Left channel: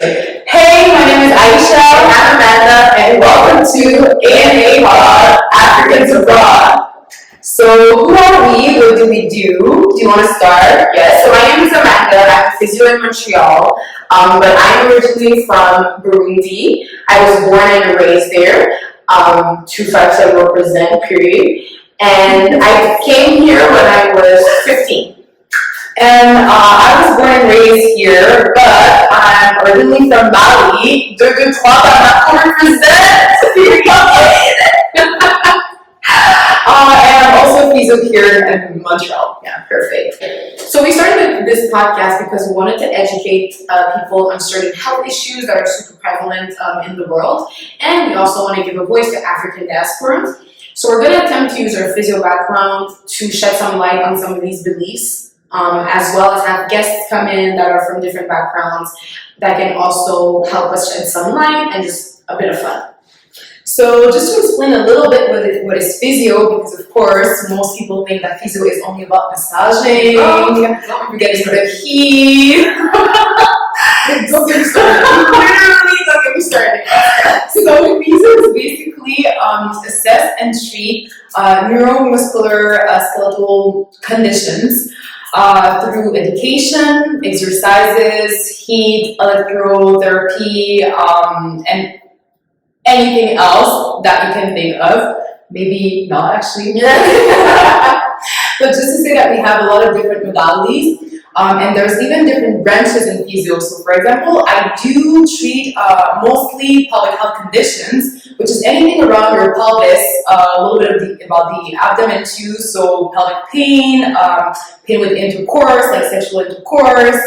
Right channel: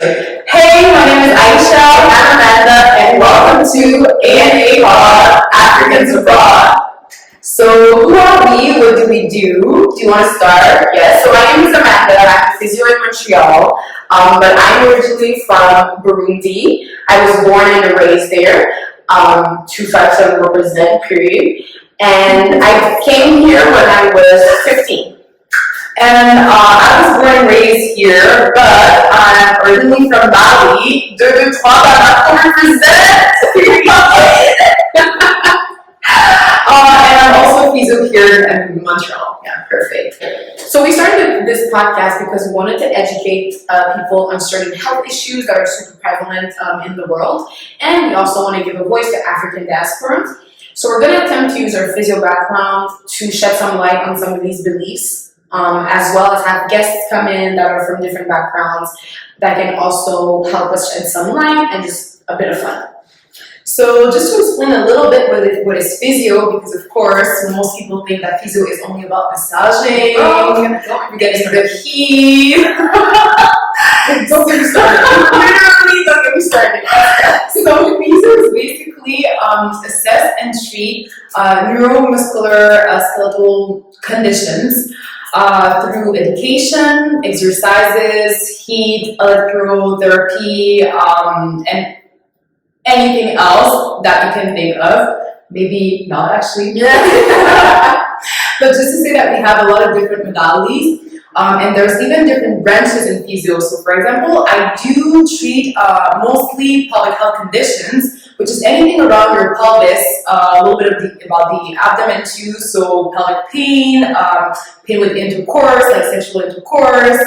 Hey, my name is Aïcha. I'm Amanda, and welcome to A&A Africans Abroad. So, who are we? What do we do? Do you want to start? Yes. So, my name is Amanda. I'm a physio in Montreal, but I'm originally from Burundi. I was born and raised there. 257 represent, period. And I came here when I was 15. And I was born and raised here, but I'm originally from Bali. And I'm also a physio here in Montreal. Yeah, perfect. So we started this podcast because we wanted to educate people on certain health issues that are super prevalent in the world. And we also want to give a voice to African diasporans. So we're going to attempt to use our physio background to shed some light on some of these beliefs. As well as have guests come in that are from different backgrounds that can also help us shed some light and just a bit of fun. So just to explain a little bit what is physio, because of course most people think that physio is only about massaging, getting the heat. Don't get me started. Literally, don't get me started. So physio is basically assess and treat neuromuscular skeletal conditions through education, exercises, heat, electrotherapy, and anything else that you can think of. Maybe not actually. But just to say that we have a lot of different modalities. And there's even different branches in physio. So for example, I do treat mostly pelvic health conditions, which is anything around your pelvis, a little bit about the abdomen too. So pelvic pain, pain with intercourse, like sexual intercourse,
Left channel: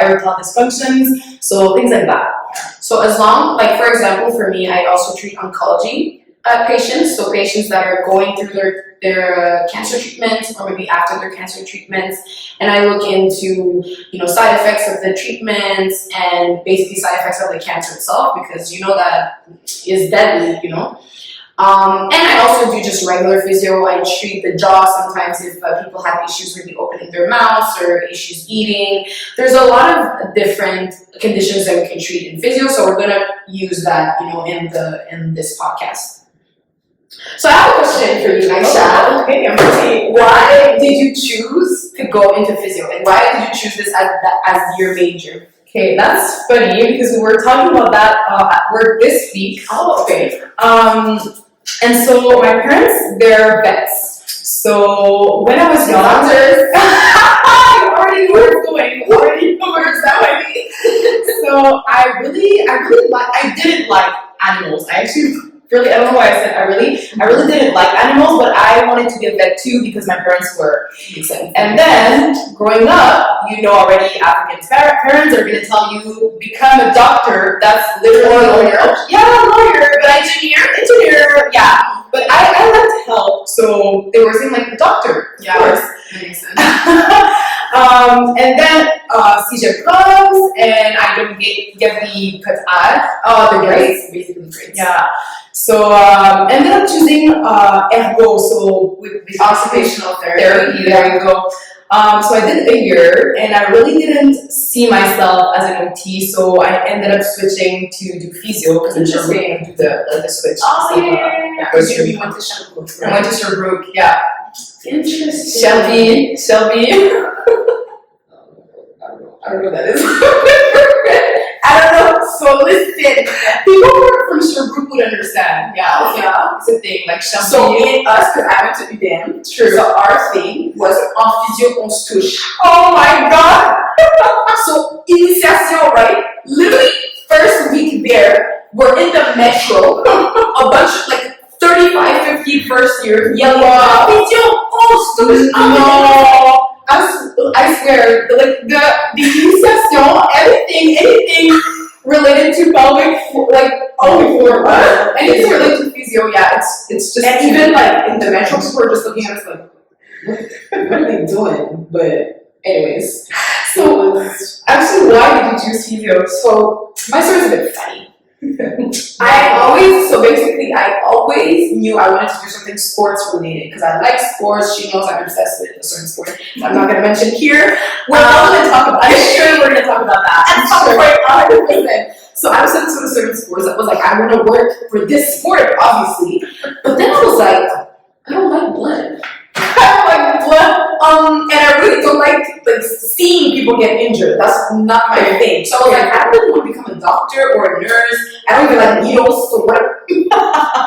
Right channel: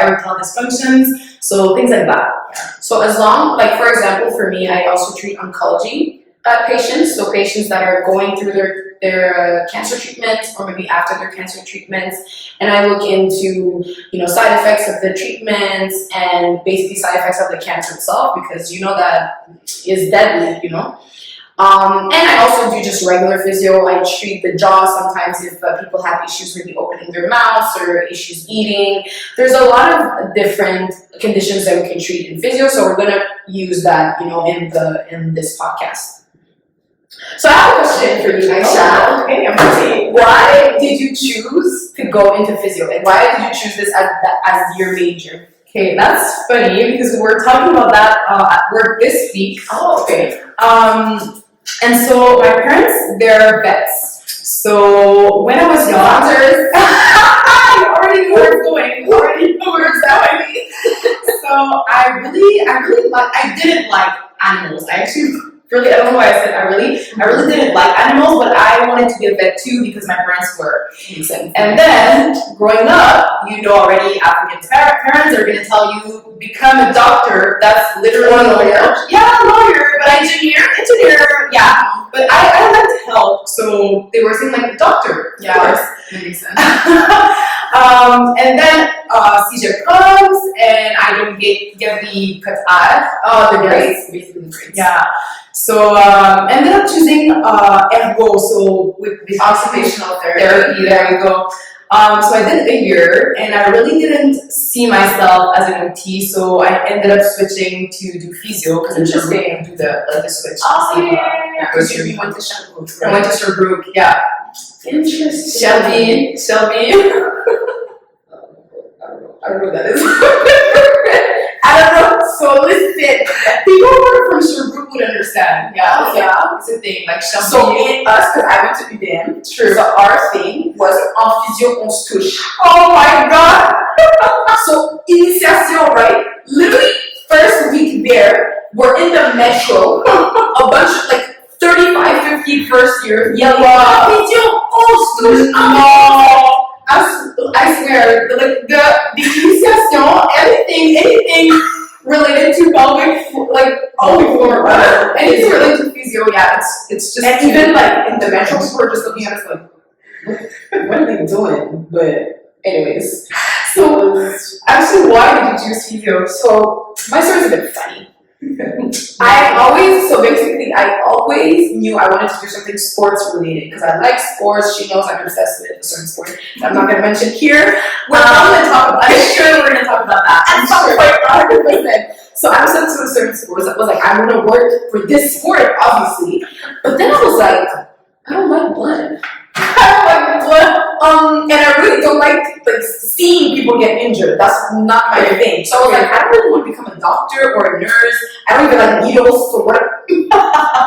erectile dysfunctions, so things like that. So as long, like for example, for me, I also treat oncology patients, so patients that are going through their cancer treatments or maybe after their cancer treatments, and I look into side effects of the treatments and basically side effects of the cancer itself, because that is deadly, and I also do just regular physio. I treat the jaw sometimes if people have issues with opening their mouths or issues eating. There's a lot of different conditions that we can treat in physio, so we're gonna use that in this podcast. So I have a question for you, Aïcha. Okay, I'm ready. Why did you choose to go into physio, and why did you choose this as your major? Okay, that's funny because we were talking about that at work this week. Oh, okay. And so my parents, they're vets. So when I was young, I already knew where it's going. Already know where it's going. So I didn't like animals. I don't know why I said I really didn't like animals, but I wanted to be a vet too because my parents were. And then growing up, already African parents are going to tell you become a doctor. That's literally a lawyer. Yeah, lawyer, but engineer. Yeah, but I liked health, so they were saying like doctor. Yeah, of course. That makes sense. And then CJ comes, and I don't get the cut the grades, basically grades. Yeah. So ended up choosing ergo, so with occupational therapy. There you go. So I did a year, and I really didn't see myself as an OT, so I ended up switching to do physio because I'm just saying do the switch. Oh yeah. Because you went to Sherbrooke. Right? I went to Sherbrooke. Yeah. Interesting. Shelby. I don't know what that is. I don't know. So listen, people who are from Sherbrooke would understand. Yeah, yeah, it's a thing. Like Shelby. So me and us, because I went to UDM. True. So our thing was en physio on se touche. Oh my god. So initiation, right? Literally first week there, we're in the metro. A bunch of like 35, 50 first years yelling physio on se touche. No. I swear, like the initiation, anything related to pelvic, like floor, anything related to physio, yeah, it's just. And even like in the metro, people are just looking at us like, what are they doing? But anyways, so actually, why did you choose physio? So my story's a bit funny. I always knew I wanted to do something sports related because I like sports. She knows I'm obsessed with a certain sport that I'm not going to mention here. We're not going to talk about. I'm sure we're going to talk about that. I'm sure 100%. So I was obsessed with a certain sport that was like, I want to work for this sport, obviously. But then I was like, I don't like blood. And I really don't like seeing people get injured. That's not my thing. So I was like, I don't really want to become a doctor or a nurse. I don't even like needles. So what am I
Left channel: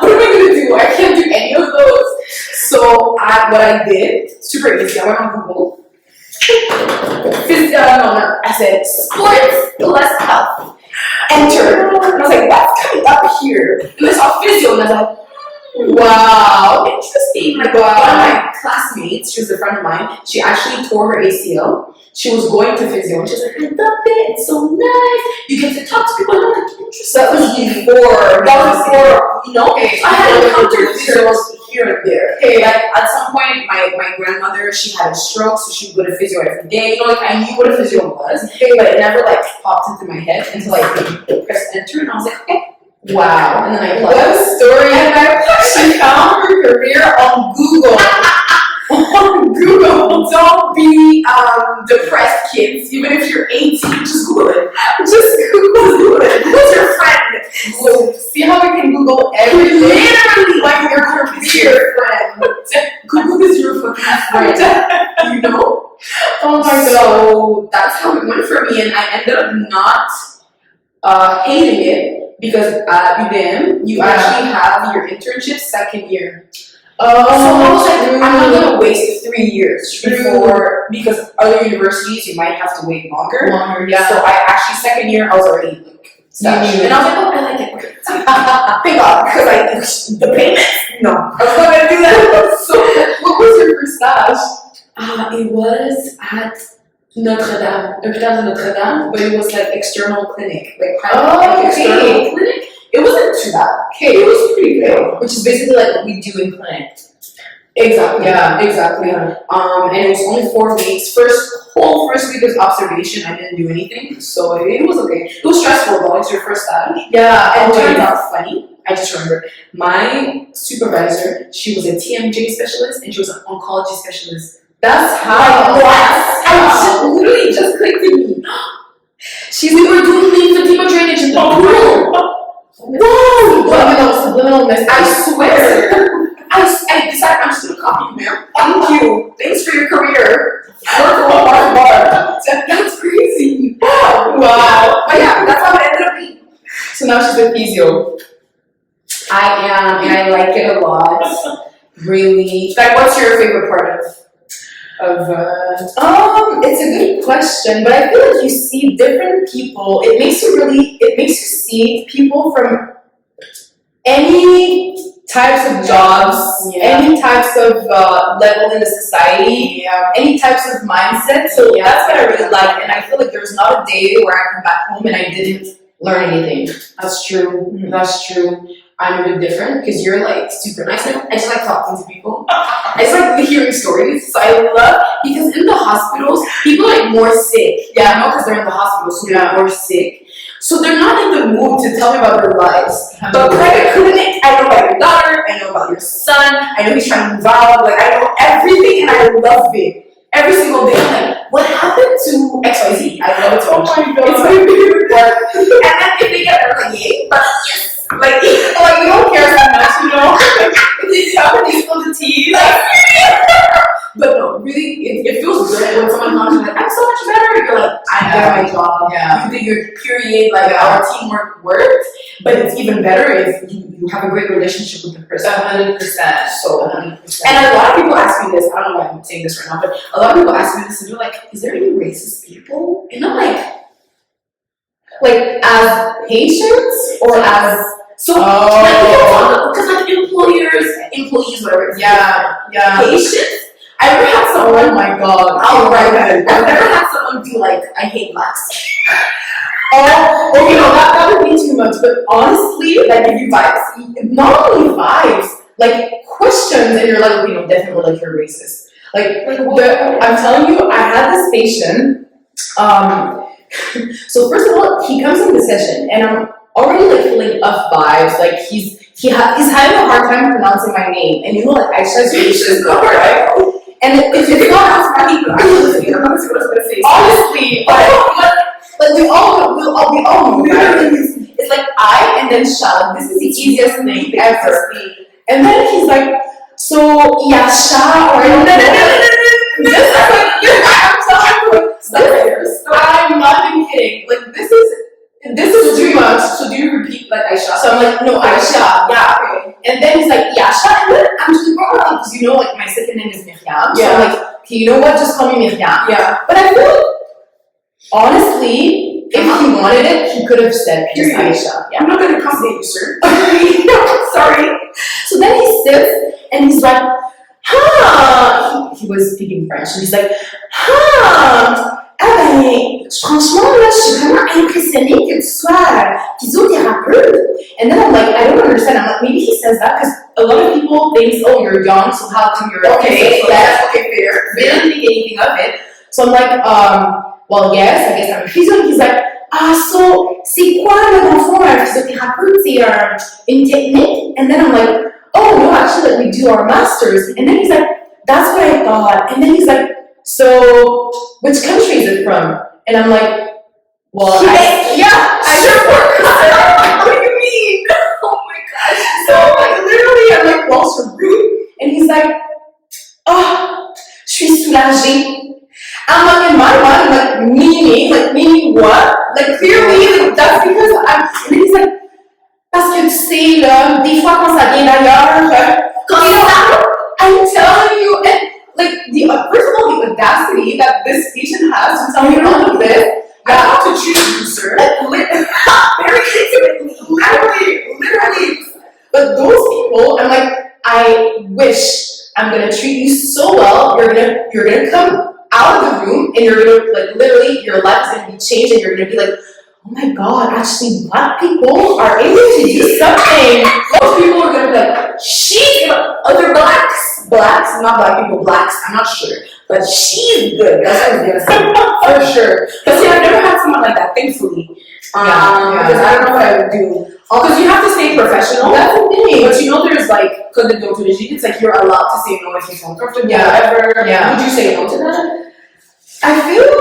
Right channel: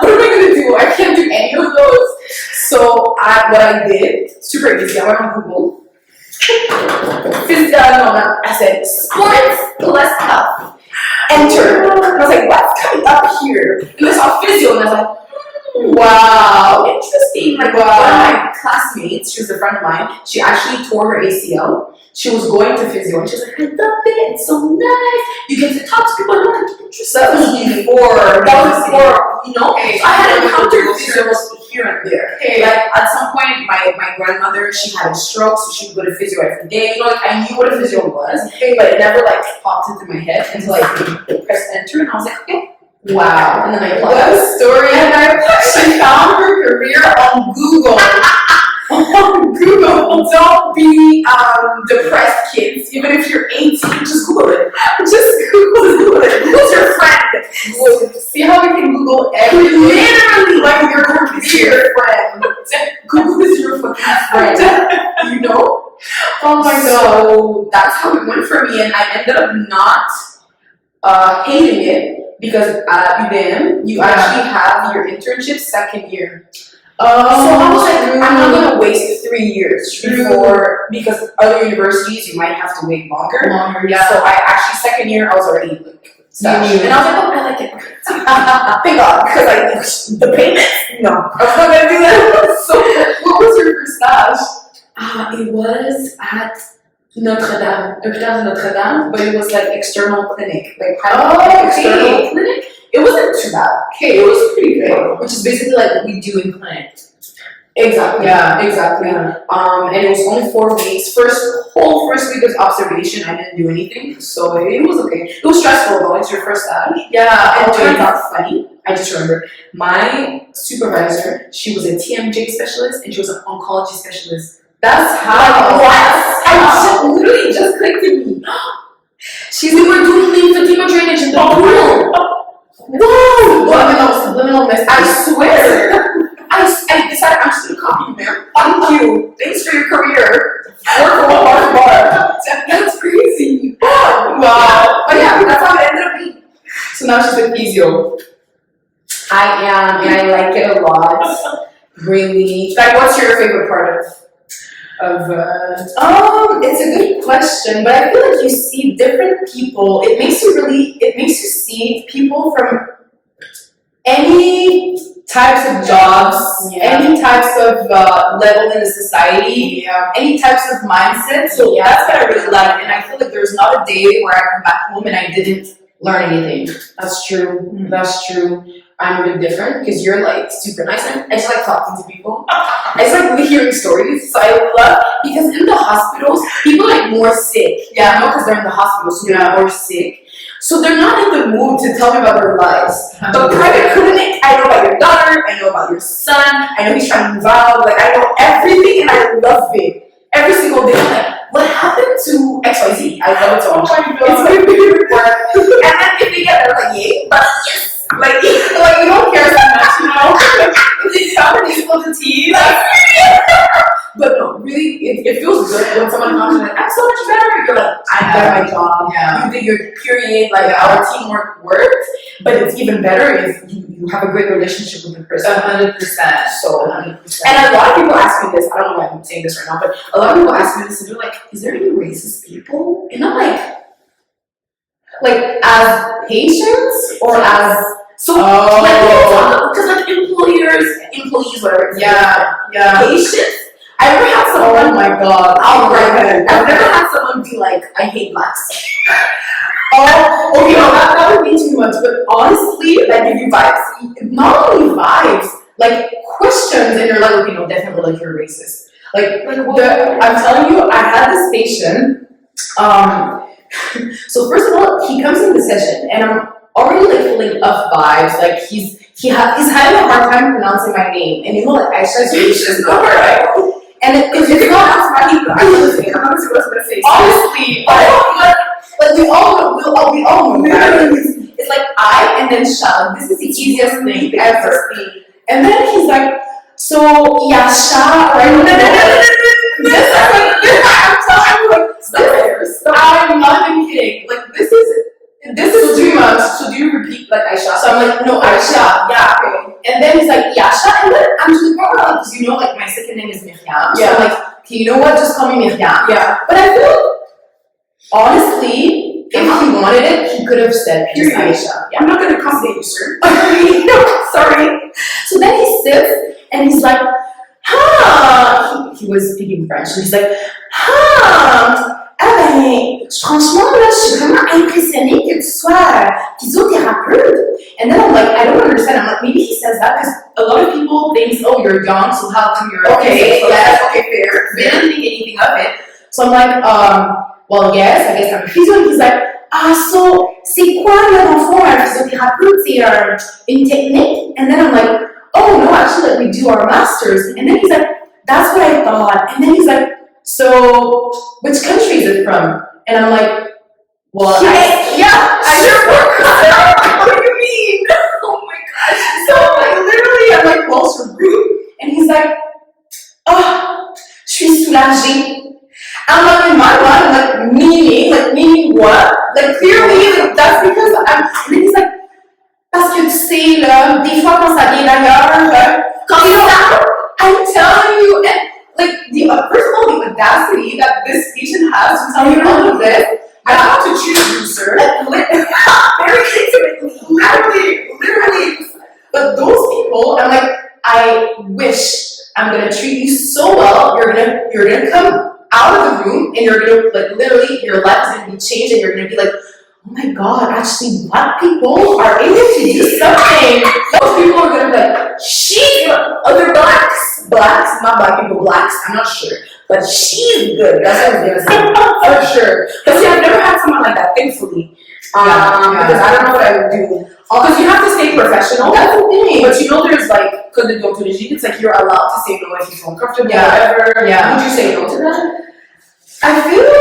gonna do? I can't do any of those. So what I did, super easy. I went on Google. I said sports plus health. Enter. And I was like, what's coming up here? And I saw physio, and I was like, wow, interesting. Like, one of my classmates, she was a friend of mine, she actually tore her ACL. She was going to physio and she was like, I love it, it's so nice. You get to talk to people, I'm like, interesting. That was before, you know? Okay, I had encountered physios here and there. Okay. Like, at some point, my grandmother, she had a stroke, so she would go to physio every day. You know, like, I knew what a physio was, but it never, like, popped into my head until I pressed enter, and I was like, okay. Wow. And then I applied. What a story. And she found her career on Google. On Google. Don't be depressed, kids. Even if you're 18, just Google it. Just Google it. Google's your friend. Google. See how we can Google everything? Literally, like your career friend. Google is your fucking friend. You know? Oh my god. So that's how it went for me, and I ended up not hating it. Because at UVM, you actually have your internship second year. Oh, so I was like, I'm not going to waste 3 years before, because other universities, you might have to wait longer. Yeah. So I actually, second year, I was already stashed. And I was like, oh, I like it. Thank God, because the payment, no. I was not going to do that. So what was your first stage? It was at Notre-Dame, Hôpital de Notre-Dame, but it was like external clinic, like private external clinic. It wasn't too bad. Okay, it was pretty good. Which is basically like what we do in clinic. Exactly. Yeah, exactly. Yeah. And it was only 4 weeks. Whole first week was observation. I didn't do anything, so it was okay. It was stressful though. It's your first stage. Yeah. And it turned out funny. I just remember my supervisor. She was a TMJ specialist and she was an oncology specialist. That's how. Literally just clicked to me. We were doing lymphedema drainage in the pool. Whoa! Subliminal message. I swear. I decided I'm just gonna copy you, ma'am. Thank you. Thanks for your career. Work for one bar. That's crazy. Wow. But yeah, that's how it ended up being. So now she's a physio. I am, and I like it a lot. Really. Like, what's your favorite part of it's a good question, but I feel like you see different people. It makes you see people from any types of jobs, any types of level in the society, any types of mindset. So that's what I really like, and I feel like there's not a day where I come back home and I didn't learn anything. That's true. Mm-hmm. That's true. I'm a bit different because you're like super nice. I just like talking to people. I just like hearing stories. So I love, because in the hospitals, people are like more sick. Yeah, no, because they're in the hospital, so they're more sick. So they're not in the mood to tell me about their lives. But private clinic, I know about your daughter, I know about your son, I know he's trying to move out, like I know everything and I love it. Every single day, I'm like, what happened to XYZ? I love it so much. It's my favorite part. And then if they get there, like, yay, but yes. Like we don't care so much, you know? If they tell me they spill the tea, like, but no, really, it feels good when someone comes and like, I'm so much better. You're like, I did my job. Yeah. You did your period, like our teamwork worked. But it's even better if you have a great relationship with the person. 100%. So 100%. And a lot of people ask me this. I don't know why I'm saying this right now, but a lot of people ask me this, and they're like, "Is there any racist people?" And I'm like as patients or as because like employees, whatever. Yeah. Patients. I never had someone, oh my god, I've never had someone be like, I hate blacks. Okay, no, that would be too much, but honestly, like, if you vibes, not only vibes, like, questions, and you're like, okay, no, definitely, like, you're racist. I'm telling you, I had this patient, so first of all, he comes in the session, and I'm already like feeling off vibes. Like he's having a hard time pronouncing my name, and you know, like Aïcha is so hard, right? And if it's not, I'm not gonna say what I was gonna say. Honestly, but we all know. Literally, it's like I and then Sha. This is the easiest thing ever. And then he's like, so Yasha, or I don't know. Just like I'm not even kidding. Like this is too much. So do you repeat like Aïcha? So I'm like, no, Aïcha, yeah. Okay. And then he's like, Yasha, and then I'm just like, because you know, like my second name is Myriam. Yeah. So I'm like, okay, you know what? Just call me Myriam. Yeah. But I feel like, honestly, if he wanted it, he could have said just Aïcha. Yeah. I'm not gonna accommodate you, sir. Sorry. So then he sits and he's like, he was speaking French, and he's like, franchement, là, je suis vraiment impressionnée que tu sois physiothérapeute. And then I'm like, I don't understand. I'm like, maybe he says that because a lot of people think, oh, you're young, so how come you're okay? Yeah, okay, fair. They didn't think anything of it. So I'm like, well, yes, I guess I'm a physio. And he's like, so c'est quoi, là, dans le fond, un physiothérapeute? C'est une technique? And then I'm like, oh, no, actually, like, we do our masters. And then he's like, that's what I thought. And then he's like, so which country is it from? And I'm like, well, I sure work. What do you mean? Oh my gosh. So like literally, I'm like, well, so rude. And he's like, oh, je suis soulagée. I'm like, in my mind, I'm like, meaning what? Like clearly, like, that's because I'm. And then he's like, parce que tu sais là, des fois quand ça vient d'ailleurs, quand I'm telling you, and like first of all, the audacity that this patient has to tell me all of this. I have to choose you, sir. Very intimately, literally. But those people, I'm like, I wish I'm gonna treat you so well. You're gonna come out of the room and you're gonna like literally your life is gonna be changed and you're gonna be like, oh my god, actually black people are able to do something. Most people are gonna be like, she's other blacks, not black people, blacks, I'm not sure. But she's good. That's what I was gonna say. For sure. But see, I've never had someone like that, thankfully. Because I don't know what I would do. Because you have to stay professional. That's the thing. But you know, there's like, because the deontology, it's like you're allowed to say no if you feel uncomfortable, whatever. Yeah. Would you say no to that? I feel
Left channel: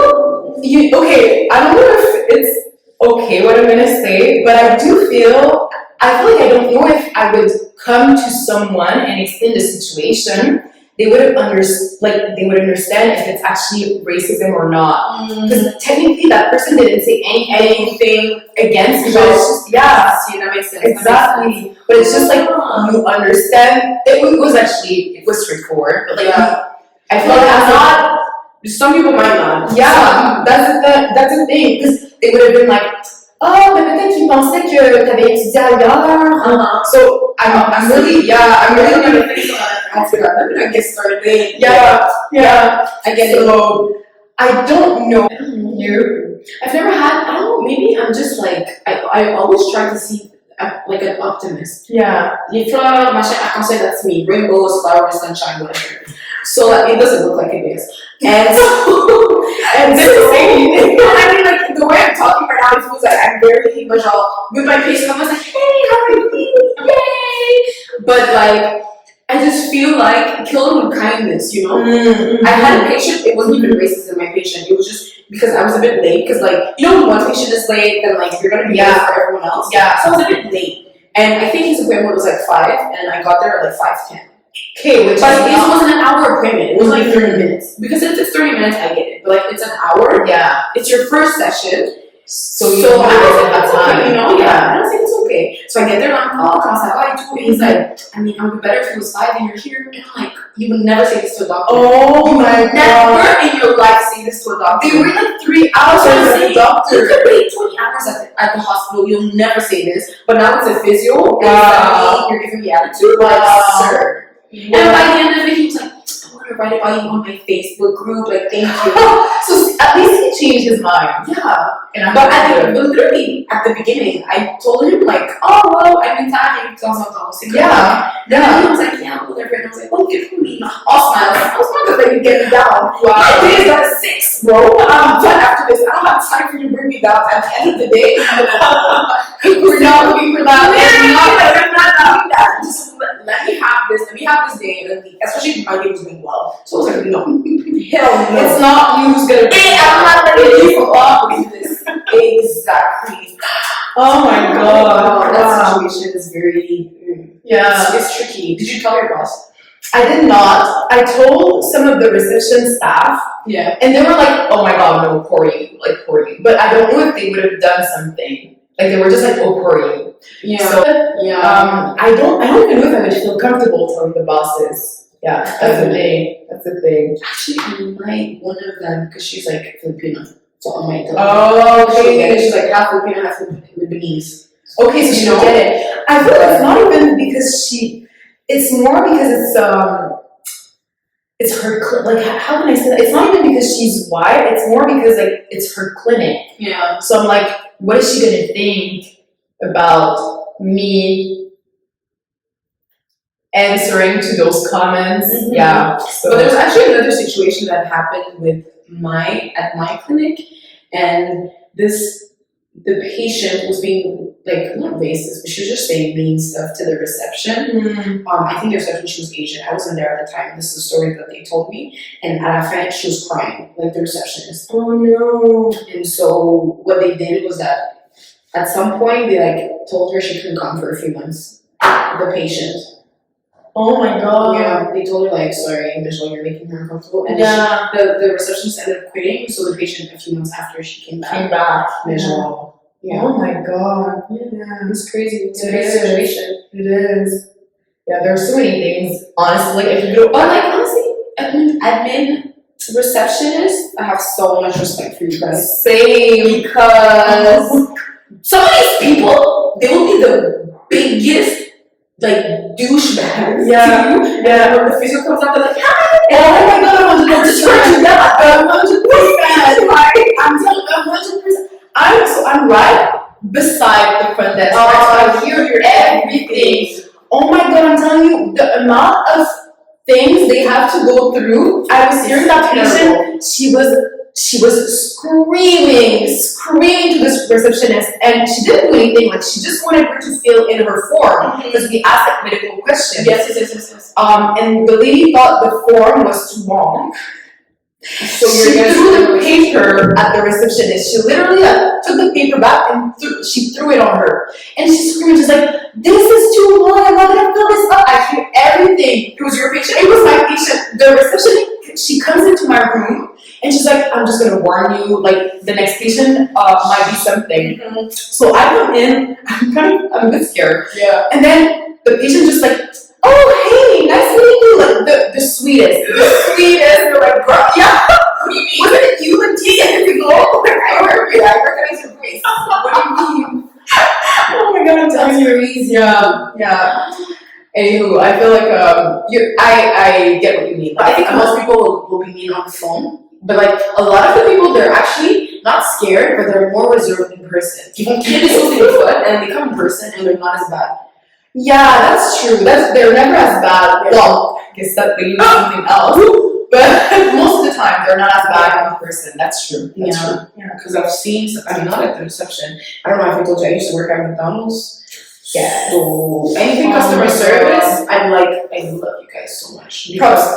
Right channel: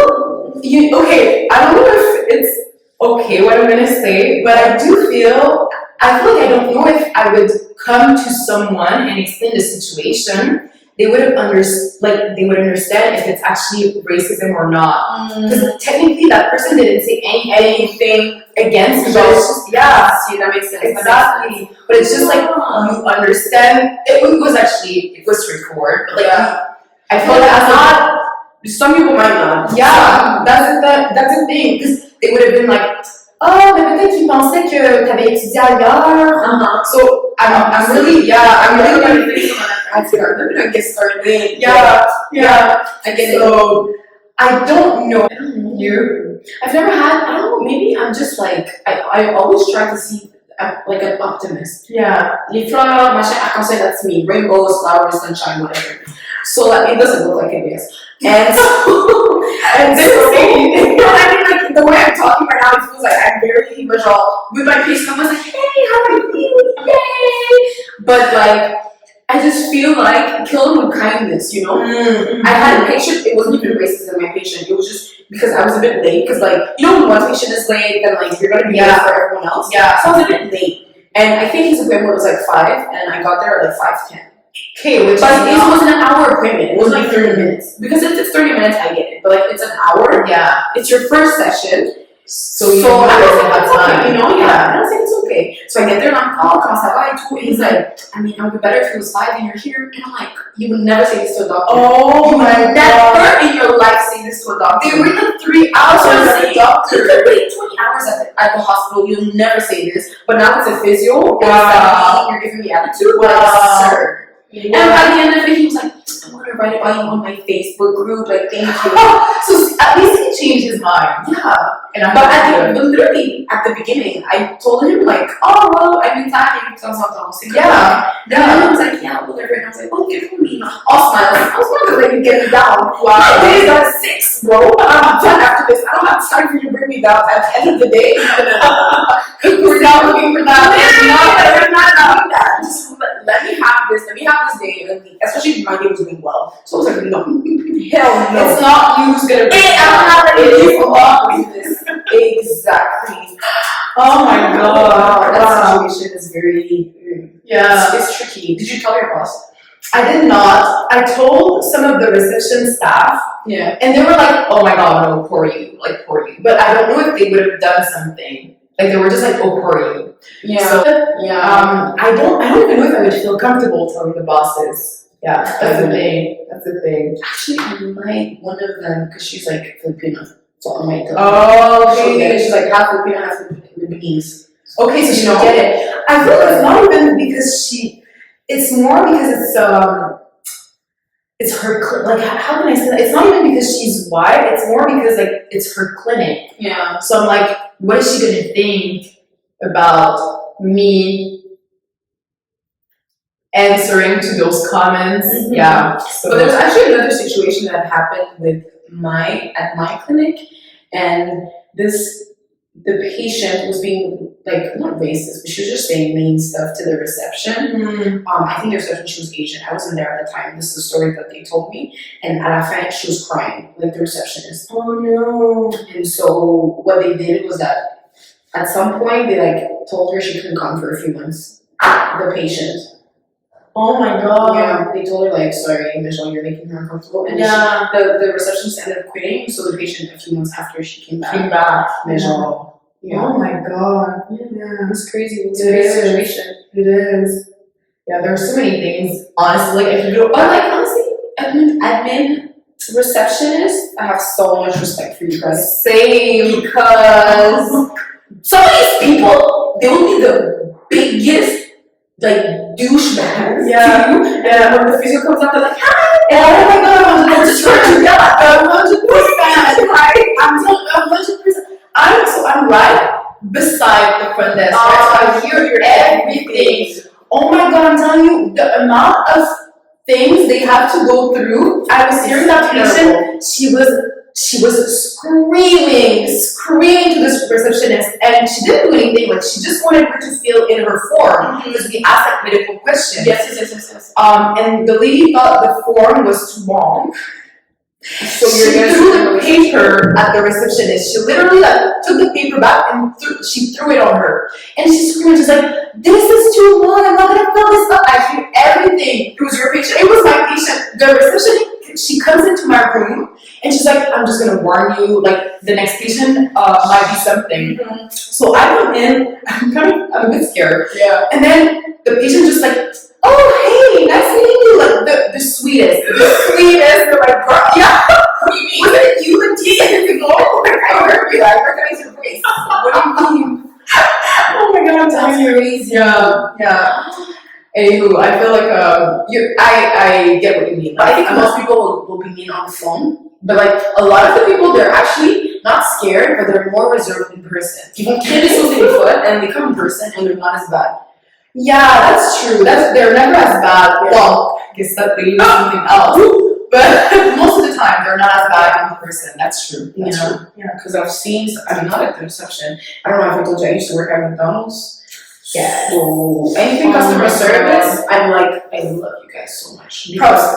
okay. I don't know if it's okay what I'm gonna say, but I feel like I don't know if I would come to someone and explain the situation. They would understand if it's actually racism or not. Because technically that person didn't say anything against us. Yeah, see, that makes sense. Exactly. But it's just like you understand. It was straightforward. But like I feel like I'm not. Some people might not. Yeah, that's the thing. Because they would have been like, oh, mais peut-être qu'ils pensaient que t'avais étudié ailleurs. So I'm really I'm gonna get started. Yeah. I get it. So I don't know. You? I've never had. I don't know. Maybe I'm just like I always try to see like an optimist. Yeah. Les fleurs, machin, arc-en-ciel, that's me. Rainbows, flowers, sunshine, whatever. So like, it doesn't look like it is. And so, and this is anything. I mean, like the way I'm talking right now, it feels like I'm very visual. With my patient, I was like, hey, how are you? Yay! But like, I just feel like kill them with kindness, you know? I had a patient, it wasn't even racism, my patient. It was just because I was a bit late. Because like, you know, when one patient is late, then like you're gonna be late for everyone else. Yeah. So I was a bit late. And I think his appointment was like 5, and I got there at like 5:10. Okay, but it wasn't an hour appointment. It was like 30 minutes. Because if it's 30 minutes, I get it. But like, it's an hour. Yeah. It's your first session. So I was like, that's okay, you know? Yeah. And I was like, it's okay. So I get there and I'm like, oh, comment ça va et tout. And he's like, I mean, it would be better if it was 5 and you're here. And I'm like, you would never say this to a doctor. Oh you my god. Never in your life say this to a doctor. They wait like 3 hours for the doctor. You could wait 20 hours at the hospital. You'll never say this. But now it's a physio. And you're giving me attitude. Like, sir. And by the end of it, he was like, I want to write about you on my Facebook group. Like, thank you. So at least he changed his mind. Yeah. But literally at the beginning, I told him like, oh well, I'm in time. Yeah. And he was like, yeah, whatever. And I was like, oh, good for me. I'll smile. I was not gonna let you get me down. Wow. It is at 6, bro. But after this, I don't have time for you to bring me down. At the end of the day, we're not especially if my day was going well. So I was like, no, hell no. It's not you who's gonna Exactly. Oh my god. That situation is very, it's tricky. Did you tell your boss? I did not. I told some of the reception staff. Yeah. And they were like, oh my god, no, poor you. Like, poor you. But I don't know if they would have done something. Like, they were just like, oh, poor you. Yeah. So, I don't even know if I would feel comfortable telling the bosses. Yeah, that's the thing. That's the thing. Actually, I might, one of them, because she's like Filipino. So I might tell her. Oh, okay. And she's like half Filipino, half Lebanese. Okay, so she'll get it. I feel like it's not even because it's more because it's her, like, how can I say that? It's not even because she's white, it's more because, like, it's her clinic. Yeah. So I'm like, what is she gonna think about me answering to those comments? Mm-hmm. Yeah. So. But there's actually another situation that happened at my clinic, and the patient was being, like, not racist, but she was just saying mean stuff to the reception. I think the reception, she was Asian. I wasn't there at the time. This is the story that they told me. And at la fin, she was crying, like the receptionist. Oh no. And so what they did was that at some point they, like, told her she couldn't come for a few months. The patient. Oh my god. Yeah, they told her, like, sorry, Michelle, you're making her uncomfortable. And the receptionist ended up quitting. So the patient, a few months after she came back. Michelle. Yeah. Oh my god. Yeah, it's crazy. It's a crazy situation. It is. Yeah, there's so many things. Honestly, like, if you go, honestly, admin, receptionist, I have so much respect for you guys. Same, because some of these people, they will be the biggest, like, douchebags. Yeah. To you. Yeah. And when the physio comes out, they're like, oh my god, 100%. 100%. I'm telling you, 100%. I'm right beside the front desk. Right? So I hear everything. Oh my god, I'm telling you, the amount of things they have to go through. I was hearing that patient. She was screaming to this receptionist, and she didn't do anything. Like, she just wanted her to fill in her form because we asked, like, medical questions. Yes. And the lady thought the form was too long. So she threw the paper at the receptionist. She literally, like, took the paper back and she threw it on her. And she screamed, she's like, this is too long, I'm not gonna fill this up. I hear everything. It was your patient? It was my patient. The receptionist, she comes into my room and she's like, I'm just gonna warn you, like, the next patient might be something. So I come in, I'm a bit scared. Yeah. And then the patient just like, oh, hey, nice meeting you. Like, the sweetest. They're like, bro, yeah. Wasn't it you like 2 seconds ago? Like, I heard you. I recognize your voice. What do you mean? Oh my god, I'm telling you. Crazy. Yeah. Anywho, I feel like I get what you mean. But I think most people will be mean on the phone. But, like, a lot of the people, they're actually not scared, but they're more reserved in person. People can't do something foot, and they come in person, and they're not as bad. Yeah, that's true. They're never as bad. Well, I guess that they use something else. But most of the time, they're not as bad in person. That's true. That's true. Yeah, because I've seen, not at the reception. I don't know if I told you, I used to work at McDonald's. Yeah. So anything customer service, I love you guys so much. Because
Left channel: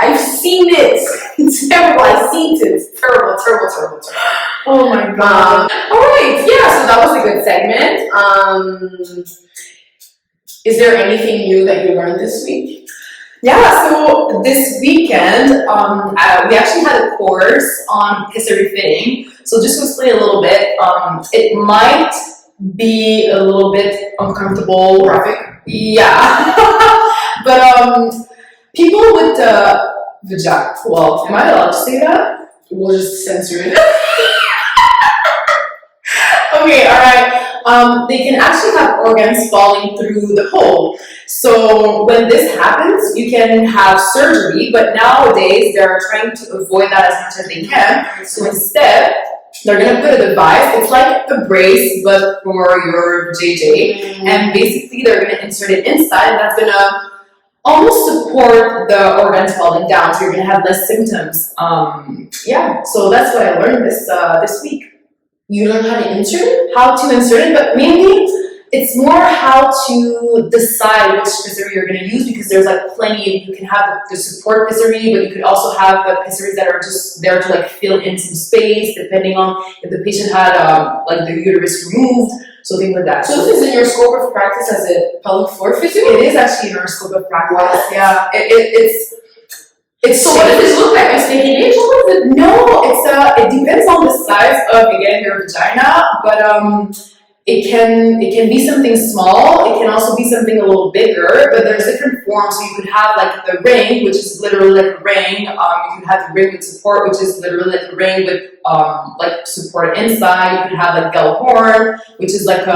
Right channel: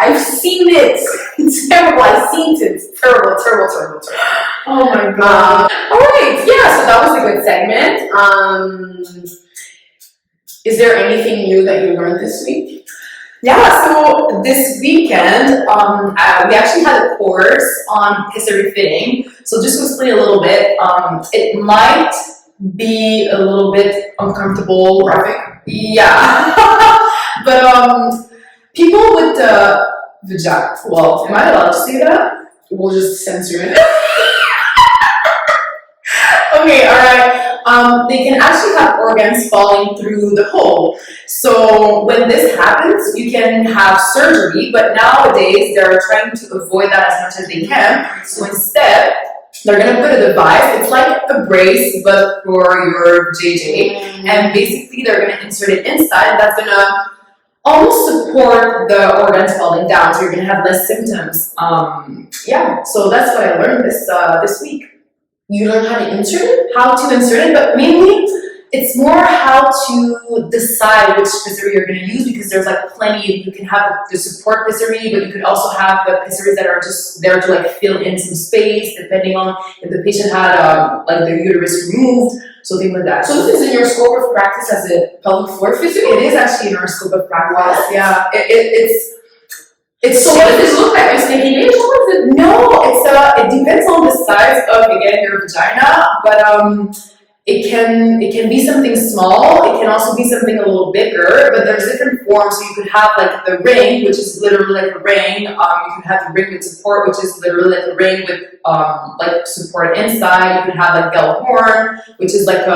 I've seen it. It's terrible. I've seen it. It's terrible. Oh my god. Alright, yeah, so that was a good segment. Is there anything new that you learned this week? Yeah, so this weekend, we actually had a course on history fitting. So just to explain a little bit, it might be a little bit uncomfortable. Graphic? Yeah. But people with vagina, well, am I allowed to say that? We'll just censor it. Okay, alright. They can actually have organs falling through the hole. So when this happens, you can have surgery, but nowadays they're trying to avoid that as much as they can. So instead, they're gonna put a device. It's like a brace, but for your JJ. And basically, they're gonna insert it inside, and that's gonna almost support the organs falling down. So you're gonna have less symptoms. Yeah. So that's what I learned this week. You learn how to insert it? How to insert it, but mainly it's more how to decide which physiotherapy you're going to use, because there's like plenty. You can have the support physiotherapy, but you could also have the physiotherapy that are just there to like fill in some space, depending on if the patient had like the uterus removed, so things like that. So this is in your scope of practice as a pelvic floor physio? It is actually in our scope of practice. What? Yeah, It's so what does this look like? A stinky bitch? What is it? No, it depends on the size of, again, your vagina, but it can be something small. It can also be something a little bigger, but there's different forms. So you could have like the ring, which is literally like a ring. You could have the ring with support, which is literally like a ring with like support inside. You could have like bell horn, which is like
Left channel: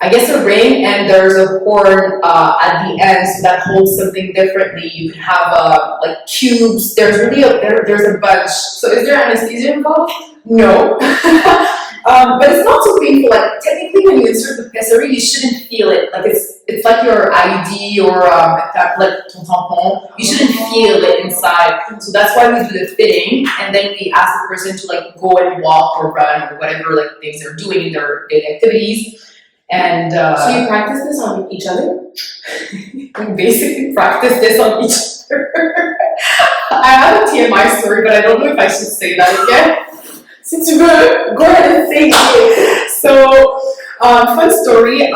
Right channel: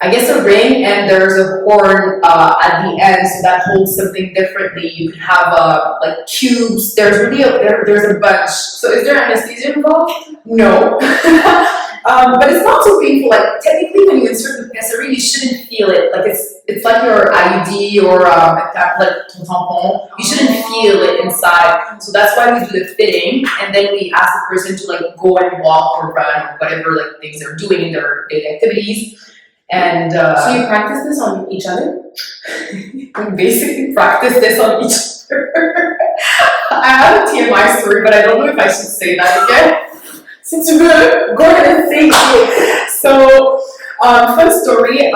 I guess a ring, and there's a horn at the end, so that holds something differently. You can have like cubes. There's really there's a bunch. So is there anesthesia involved? No, but it's not so painful. Like technically, when you insert the pessary, you shouldn't feel it. Like it's like your IUD or like ton tampon. You shouldn't feel it inside. So that's why we do the fitting, and then we ask the person to like go and walk or run or whatever like things they're doing in their daily activities. And so you practice this on each other? We basically practice this on each other. I have a TMI story, but I don't know if I should say that again. Since you go ahead and say it. So, fun story.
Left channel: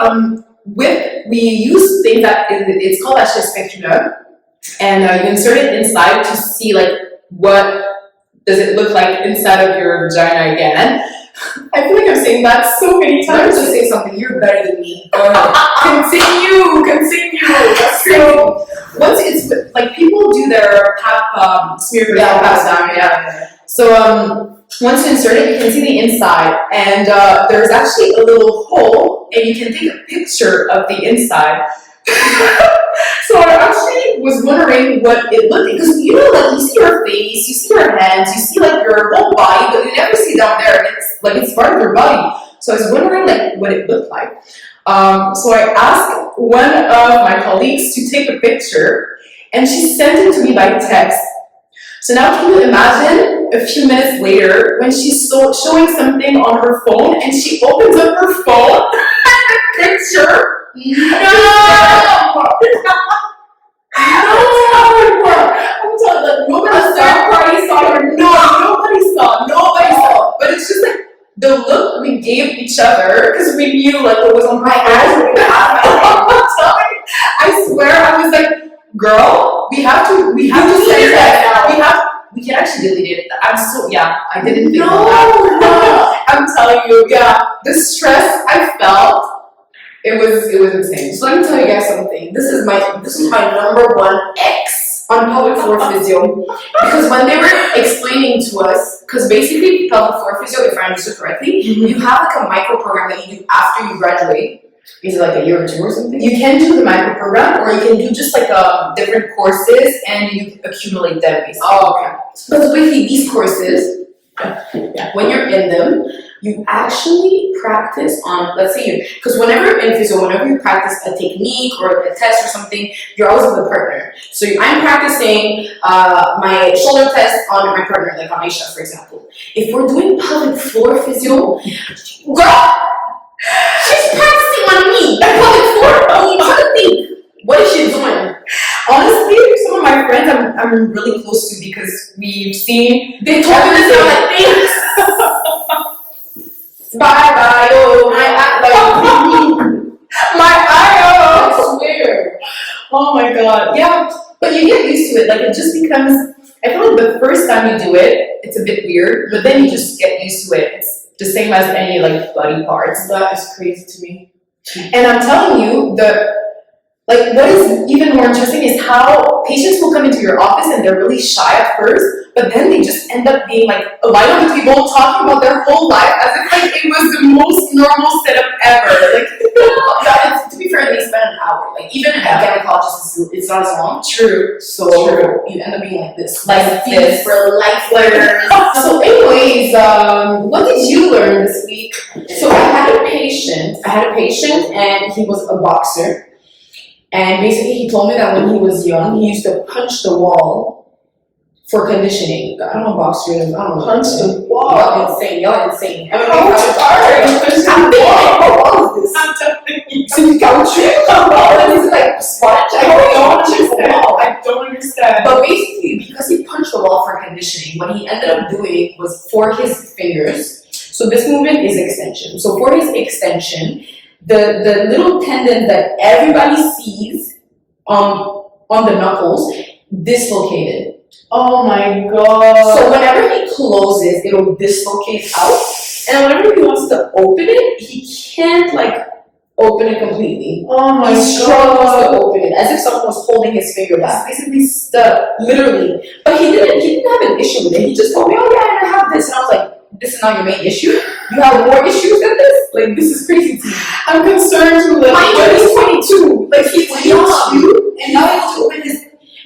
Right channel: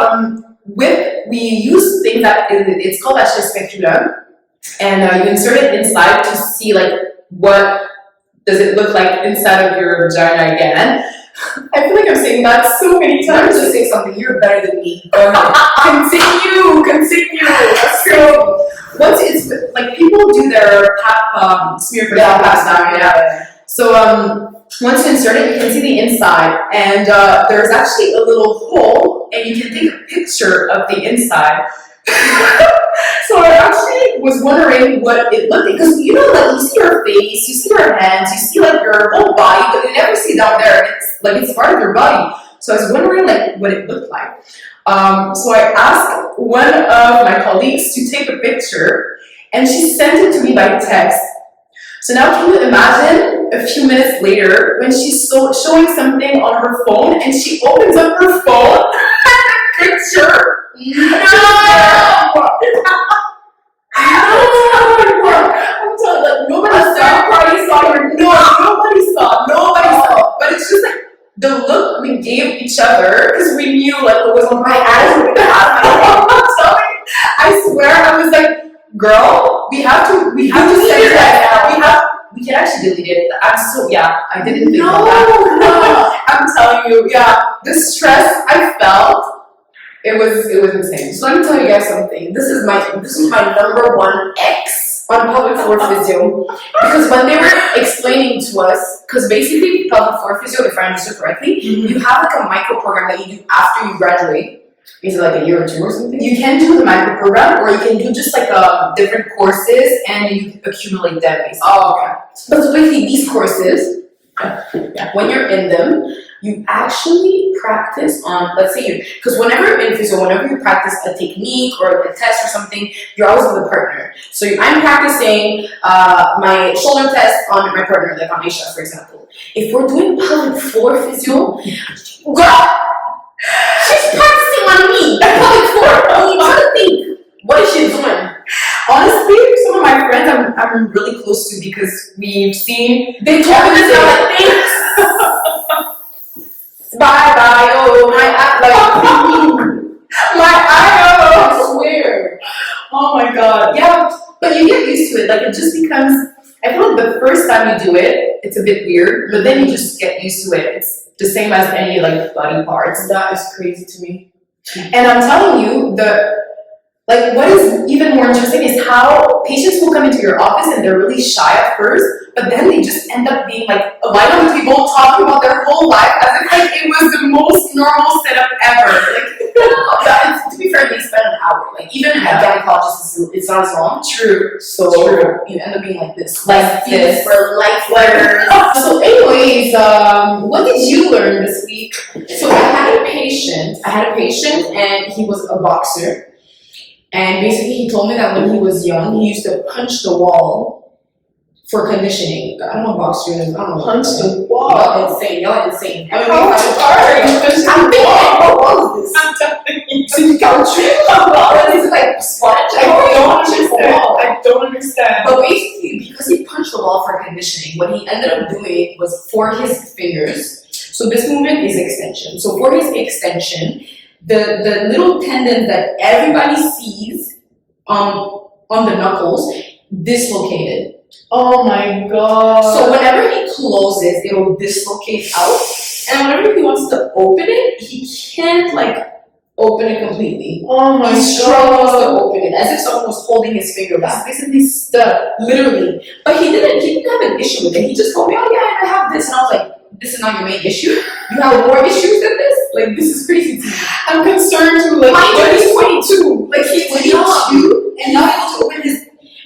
We use things that it's called a speculum, and you insert it inside to see like what does it look like inside of your vagina again. I feel like I'm saying that so many times. To say something, you're better than me. Go ahead. Continue. That's so once it's like people do their pap smear for that pap down, yeah. So once you insert it, you can see the inside, and there's actually a little hole, and you can take a picture of the inside. So I actually was wondering what it looked like, because you know, like you see your face, you see your hands, you see like your whole body, but you never see down there. It's part of your body. So I was wondering like what it looked like. So I asked one of my colleagues to take a picture, and she sent it to me by text. So now can you imagine a few minutes later when she's showing something on her phone, and she opens up her phone and a picture. No! I'm telling you, like nobody saw her. Nobody saw. But it's just like the look we gave each other, because we knew like what was on my eyes were gonna happen. I swear, I was like, girl, we have to send that now. We can actually delete it. I didn't think of that. I'm telling you, the stress I felt. It was insane. So let me tell you guys something. This is my number one X on pelvic floor physio, because when they were explaining to us, because basically pelvic floor physio, if I understood correctly, you have like a micro program that you do after you graduate. Is it like a year or two or something? You can do the micro program, or you can do just like different courses, and you accumulate them basically. Oh, okay. But so basically these courses, when you're in them, you actually practice on, let's say because whenever in physio, whenever you practice a technique or a test or something, you're always with a partner. So I'm practicing my shoulder test on my partner, like on Aïcha, for example. If we're doing pelvic floor physio, girl, she's practicing on me, the pelvic floor. I mean, try to think, what is she doing? Honestly, some of my friends I'm really close to, because we've seen they told me this other things. Bye, oh, my eye, I swear. Oh my god, yeah, but you get used to it. Like it just becomes. I feel like the first time you do it, it's a bit weird, but then you just get used to it. It's the same as any like body parts. That is crazy to me. And I'm telling you, what is even more interesting is how patients will come into your office and they're really shy at first, but then they just end up being like a line of people talking about their whole life as if like it was the most normal setup ever. Like, to be fair, they spend an hour. Like even a gynecologist, it's not as long. True. So you end up being like this, like this for life. So, anyways, what did you learn this week? So I had a patient, and he was a boxer. And basically, he told me that when he was young, he used to punch the wall for conditioning. I don't know boxer is. I don't know. Punch the wall. Y'all insane. I'm telling C'est du caoutchouc. This is like sponge. I don't understand. But basically, because he punched the wall for conditioning, what he ended up doing was for his fingers. So this movement is extension. So for his extension, the little tendon that everybody sees on the knuckles dislocated. Oh my god. So whenever he closes, it'll dislocate out. And whenever he wants to open it, he can't like open it completely. Oh my He struggles god. to open it, as if someone was holding his finger back. It's basically stuck. Literally. But he didn't have an issue with it. He just told me, oh yeah, I have this. And I was like, this is not your main issue. You have more issues than this? Like, this is crazy to me. I'm concerned too. Like, Mind you, he's 22. Like, he's young. And now he has to open his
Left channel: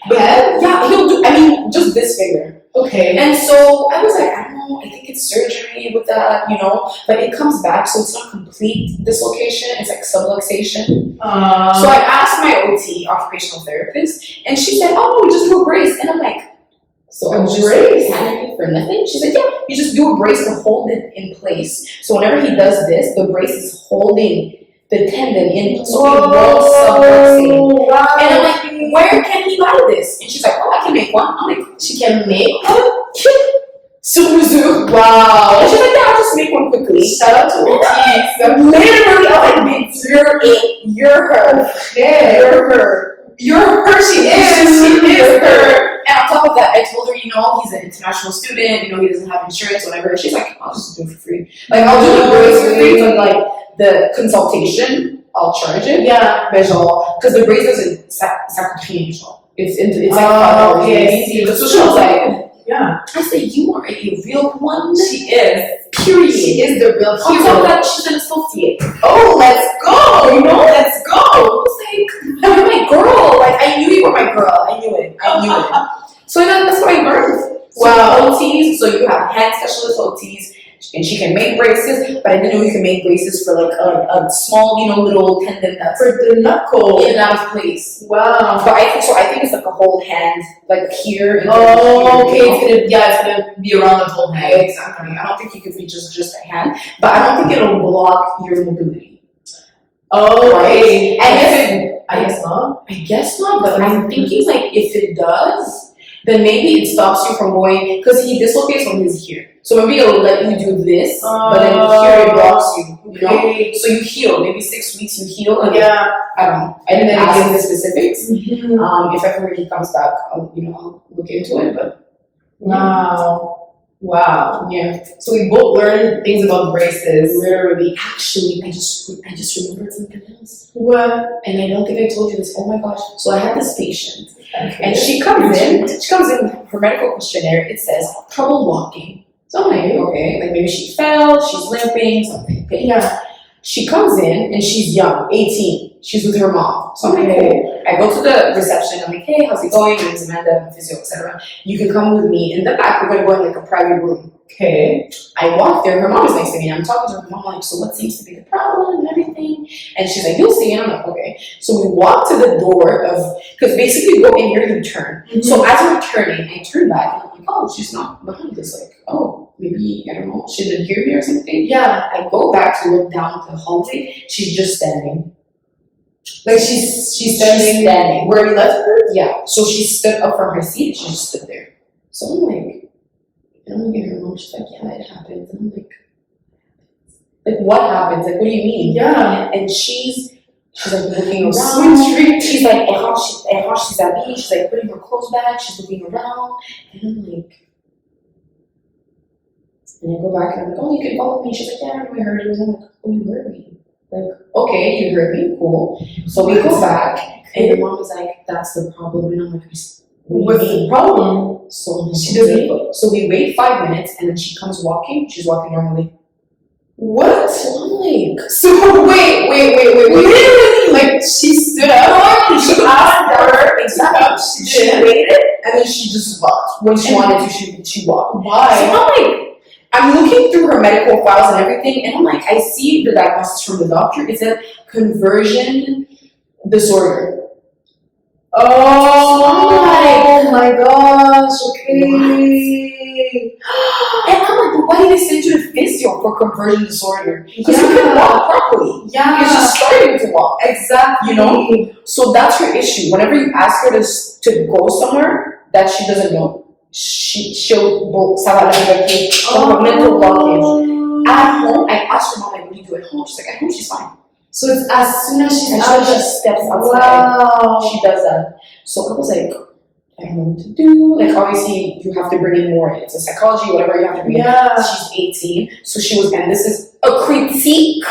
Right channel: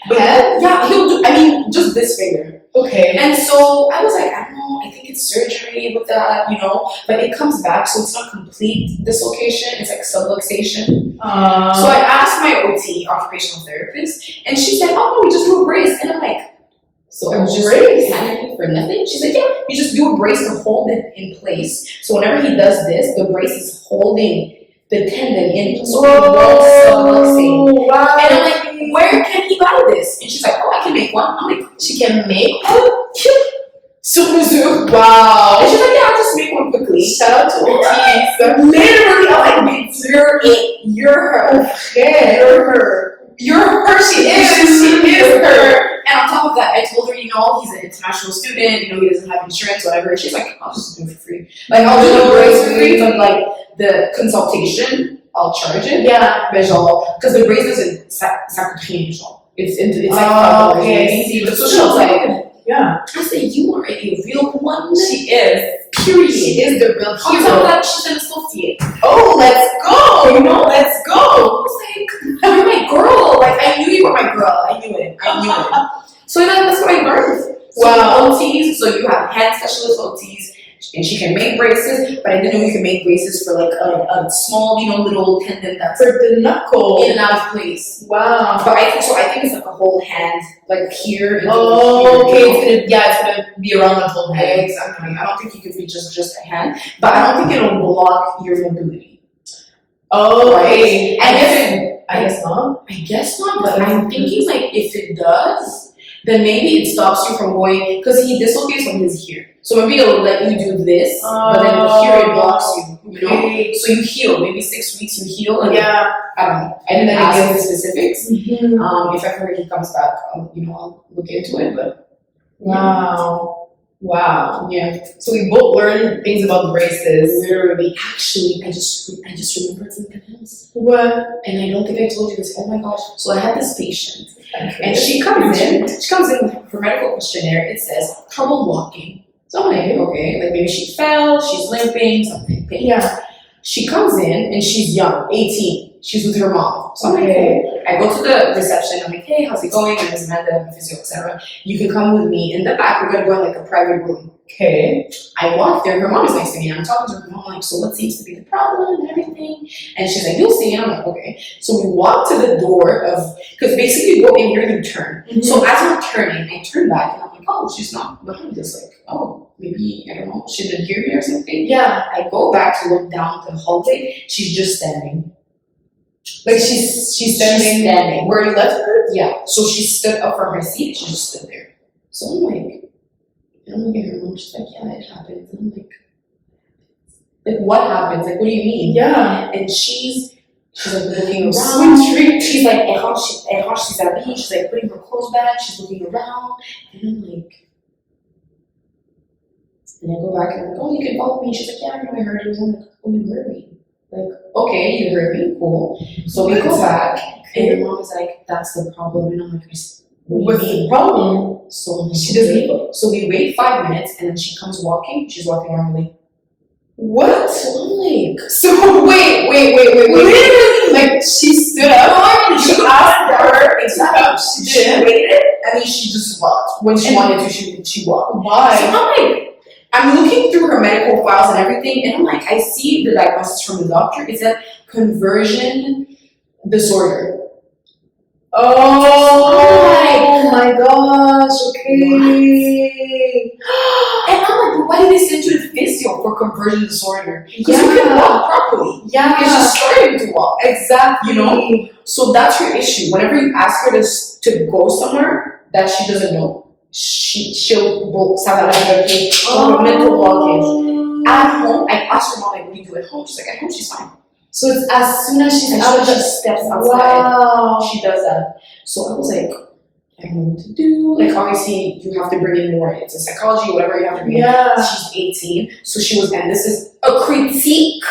But head? yeah, he'll do, I mean, just this finger. Okay. And so I was like, I don't know, I think it's surgery with that, you know, but it comes back, so it's not complete dislocation, it's like subluxation. So I asked my OT, occupational therapist, and she said, oh, we just do a brace. And I'm like, so I'm just panicking for nothing? She's like, yeah, you just do a brace to hold it in place. So whenever he does this, the brace is holding the tendon in, so it won't subluxate. Wow. And I'm like, where can he buy this? And she's like, oh, I can make one. I'm like, she can make one? Sur mesure. Wow. And she's like, yeah, I'll just make one quickly. Shout out to OTs. Literally, I'm like, bitch, you're it. You're her. Yeah. You're her. You're her. She is her. And on top of that, I told her, you know, he's an international student, you know, he doesn't have insurance, whatever. And she's like, I'll just do it for free. Like, I'll do the brace for free, but like, the consultation, I'll charge it. Yeah. Mais genre, because the brace doesn't, ça coûte rien, genre. It's like Oh, $5. okay. So she was like, yeah. I said, you are a real one. She is. Period. She is the real On top of hero. that, she's an associate. Oh, let's go! You know, let's I go! was like, you're my girl. Like, I knew you were my girl. I knew it. So then that's what I learned. Wow. So OTs, so you have hand specialist OTs, and she can make braces, but I didn't know you can make braces for like a small, you know, little tendon that's For the knuckle. in and out of place. Wow. But I think it's like a whole hand, like here. And Oh, here, okay. It's gonna be around the whole Yeah, head. exactly. I don't think you could reach just a hand, but I don't think it'll block your mobility. Oh, okay. And I guess not. I guess not, but I'm thinking like if it does, then maybe it stops you from going, because he dislocates when he's here. So maybe it'll let you do this, but then here it blocks you, you know? Okay. So you heal, maybe 6 weeks you heal, and Yeah. I don't know. I didn't ask him the specifics. Mm-hmm. If ever he comes back, I'll look into it, but Wow. Wow. yeah. So we both learned things about braces. Literally, actually, I just remembered something else. What? And I don't think I told you this. Oh my gosh. So I had this patient, and she comes in with her medical questionnaire. It says trouble walking. So I'm like, okay, like maybe she fell, she's limping, something. Okay. Yeah. She comes in and she's young, 18. She's with her mom. So I'm like, Okay. cool. I go to the reception. I'm like, hey, how's it going? My name is Amanda, I'm physio, etc. You can come with me in the back. We're gonna go in like a private room. Okay. I walk there. Her mom is next to me. I'm talking to her mom, like, so what seems to be the problem and everything? And she's like, you'll see. And I'm like, okay. So we walk to the door because basically you go in here, you turn. Mm-hmm. So as we're turning, I turn back and I'm like, oh, she's not behind us. Like, oh, maybe, I don't know, she didn't hear me or something. Yeah. I go back to look down the hallway. She's just standing. Like she's standing where you left her? Yeah. So she stood up from her seat. She just stood there. So I'm like, and I'm looking at her mom. She's like, yeah, it happened. And I'm like, what happens? Like, what do you mean? Yeah. And she's like looking around. Sweet. She's like, she's habillée. She's like putting her clothes back. She's looking around. And I'm like, and I go back and I'm like, oh, you can follow me. She's like, yeah, I know I heard you. I'm like, oh, you heard me. Like, okay, you heard me, cool. So we go back, and your mom is like, that's the problem. And I'm like, What's the problem? So She doesn't. So we wait 5 minutes, and then she comes walking. She's walking normally. What? So I'm like, So wait. Literally, like she stood up. You asked her. exactly. She waited, and then she just walked. When she wanted to, she walked. So Why? I'm like, I'm looking through her medical files and everything, and I'm like, I see the diagnosis from the doctor. It said conversion disorder. Oh my gosh. Okay. Okay. And I'm like, but why did they send you to physio for conversion disorder? Because you can walk properly. Yeah. You're just starting to walk. Exactly. You know? So that's your issue. Whenever you ask her to go somewhere that she doesn't know, she'll have a mental blockage. At home, I asked her mom, like, what do you do at home? She's like, at home, she's fine. So it's as soon as she's out, she steps outside. Wow. She does that. So I was like, I don't know what to do. Like, obviously, you have to bring in more. It's a psychology, whatever you have to bring in. She's 18. So she was, and this is a critique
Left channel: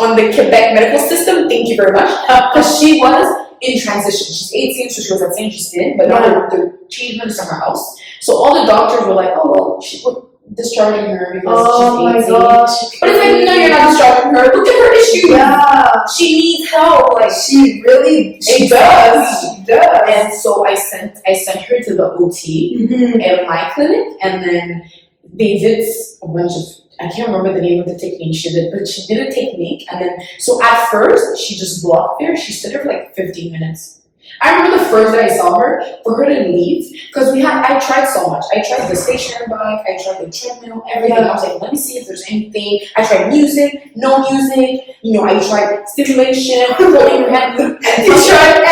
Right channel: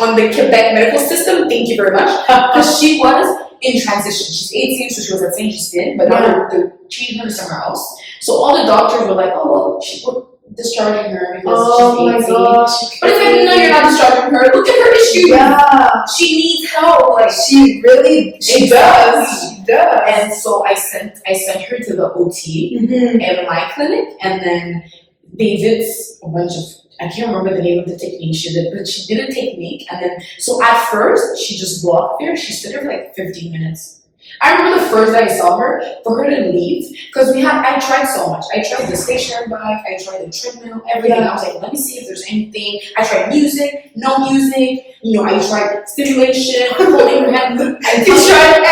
on the Quebec medical system. Thank you very much. Because she was in transition. She's 18, so she was at St. Justine, but now they're changing her to somewhere else. So all the doctors were like, oh, well, we're discharging her because she's 18. Gosh. But it's like, no, you're not discharging her. Look at her issues. Yeah. She needs help. Like, She does. She does. And so I sent her to the OT at my clinic, and then they did a bunch of, I can't remember the name of the technique she did, but she did a technique, and then, so at first, she just blocked there. She stood there for like 15 minutes. I remember the first day I saw her, for her to leave, because I tried so much. I tried the stationary bike, I tried the treadmill, everything. I was like, let me see if there's anything. I tried music, no music. You know, I tried stimulation, holding her hand. I tried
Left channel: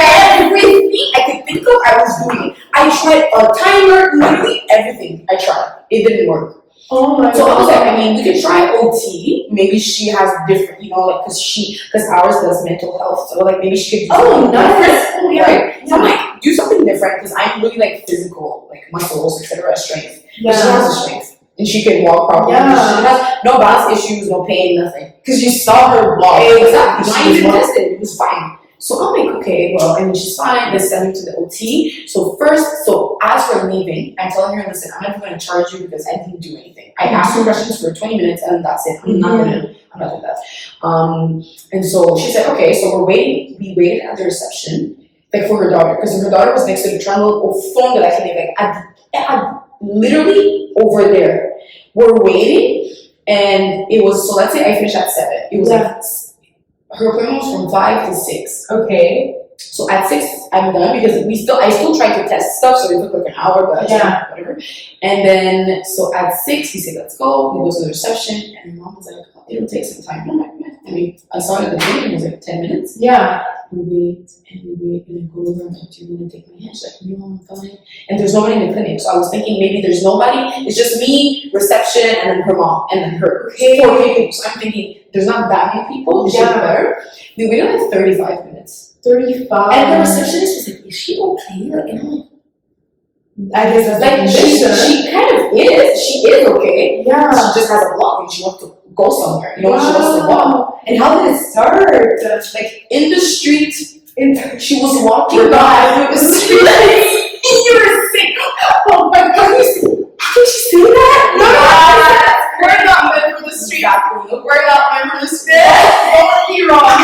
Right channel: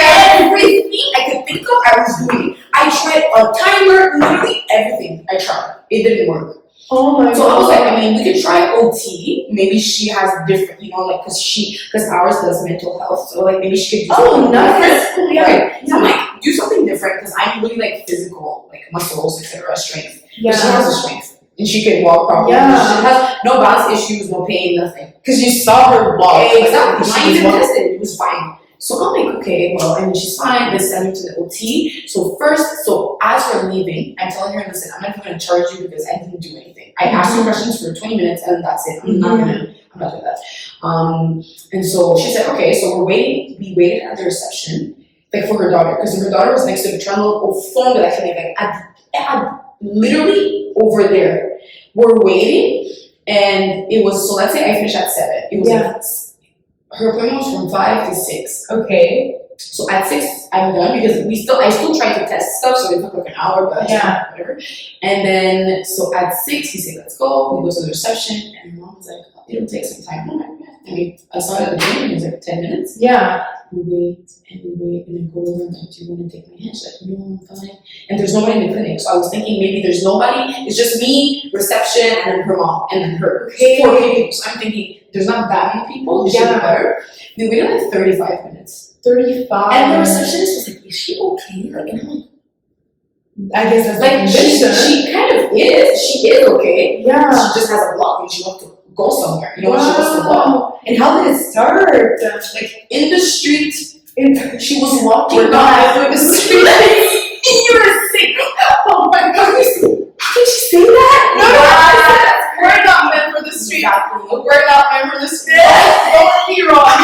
everything I could think of, I was doing. I tried a timer, literally everything I tried. It didn't work. Oh my God. So I was like, I mean, we could try OT. Maybe she has different, you know, like, because ours does mental health. So, like, maybe she could do something different. Yeah. Right? So I'm like, do something different, because I'm really, like, physical, like, muscles, etc., strength. But she has the strength. And she can walk properly. Yeah. She has no balance issues, no pain, nothing. Because you saw her walk. Exactly. Not even tested. It was fine. So I'm like, okay, well, I mean, she's fine. Let's send her to the OT. So as we're leaving, I'm telling her, listen, I'm not going to charge you because I didn't do anything. I asked her questions for 20 minutes and that's it. I'm not doing that. And so she said, okay, so we're waiting. We waited at the reception, like, for her daughter, because her daughter was next to the treadmill or phone that I can make, like, literally over there. We're waiting, and it was, so let's say I finished at 7. It was like, her appointment was from 5 to 6. Okay. So at 6, I'm done, because I still tried to test stuff, so it took like an hour, but whatever. And then, so at 6, we say, let's go. We go to the reception, and my mom was like, oh, it'll take some time. I'm like, yeah. I mean, I saw it at the beginning, it was like 10 minutes. Yeah. We wait, and then go over, and like, do you want to take my hand? She's like, no, I'm fine. And there's nobody in the clinic, so I was thinking maybe there's nobody. It's just me, reception, and then her mom, and then her. 4 people. So I'm thinking, there's not that many people. It should be better. We waited like 35 minutes. 35. And the receptionist was like, is she okay? Like, and I'm like, I guess that's like, she kind of is. She is okay. Yeah. She just has a block and she wants to go somewhere. You know, she wants to walk. And how did it start? Like, in the street, she was walking by the street. You were sick. Oh my God. Can she say that? No. We're not meant for the street. We're not meant for the street. Don't be wrong.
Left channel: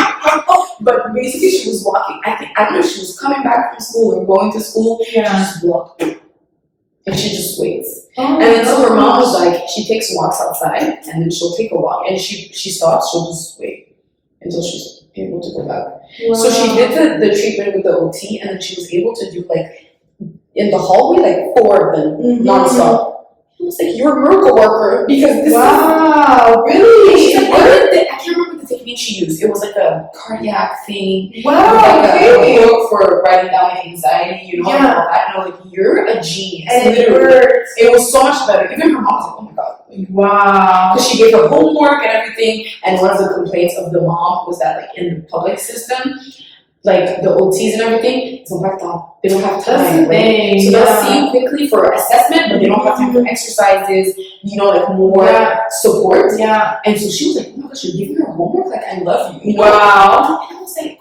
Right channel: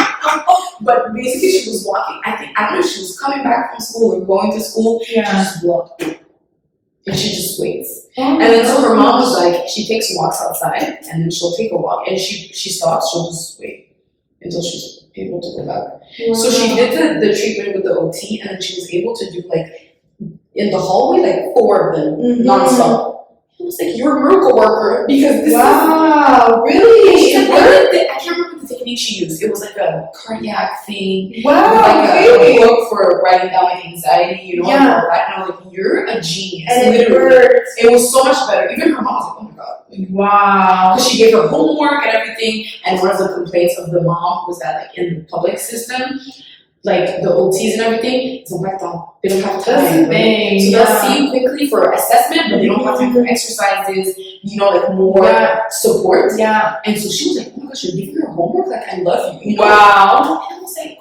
But basically, she was walking. I don't know if she was coming back from school or going to school. She just walked. And she just waits. And then so her mom was like, she takes walks outside, and then she'll take a walk. And she stops, she'll just wait until she's able to go back. Wow. So she did the treatment with the OT, and then she was able to do, like, in the hallway, like 4 of them, nonstop. It was like, you're a miracle worker, because this is... Really? She's like, I can't remember the technique she used. It was like a cardiac thing. Wow, like a book for writing down, like, anxiety, you know, and all that. And I was like, you're a genius. And it was so much better. Even her mom was like, oh my God. Wow. Because she gave her homework and everything. And one of the complaints of the mom was that, like, in the public system, like, the OTs and everything, they don't have time. Right? So they'll see you quickly for assessment, but they don't have time for exercises, you know, like, more support. Yeah. And so she was like, oh my gosh, you're giving her homework? Like, I love you. You know? Wow. And I was like,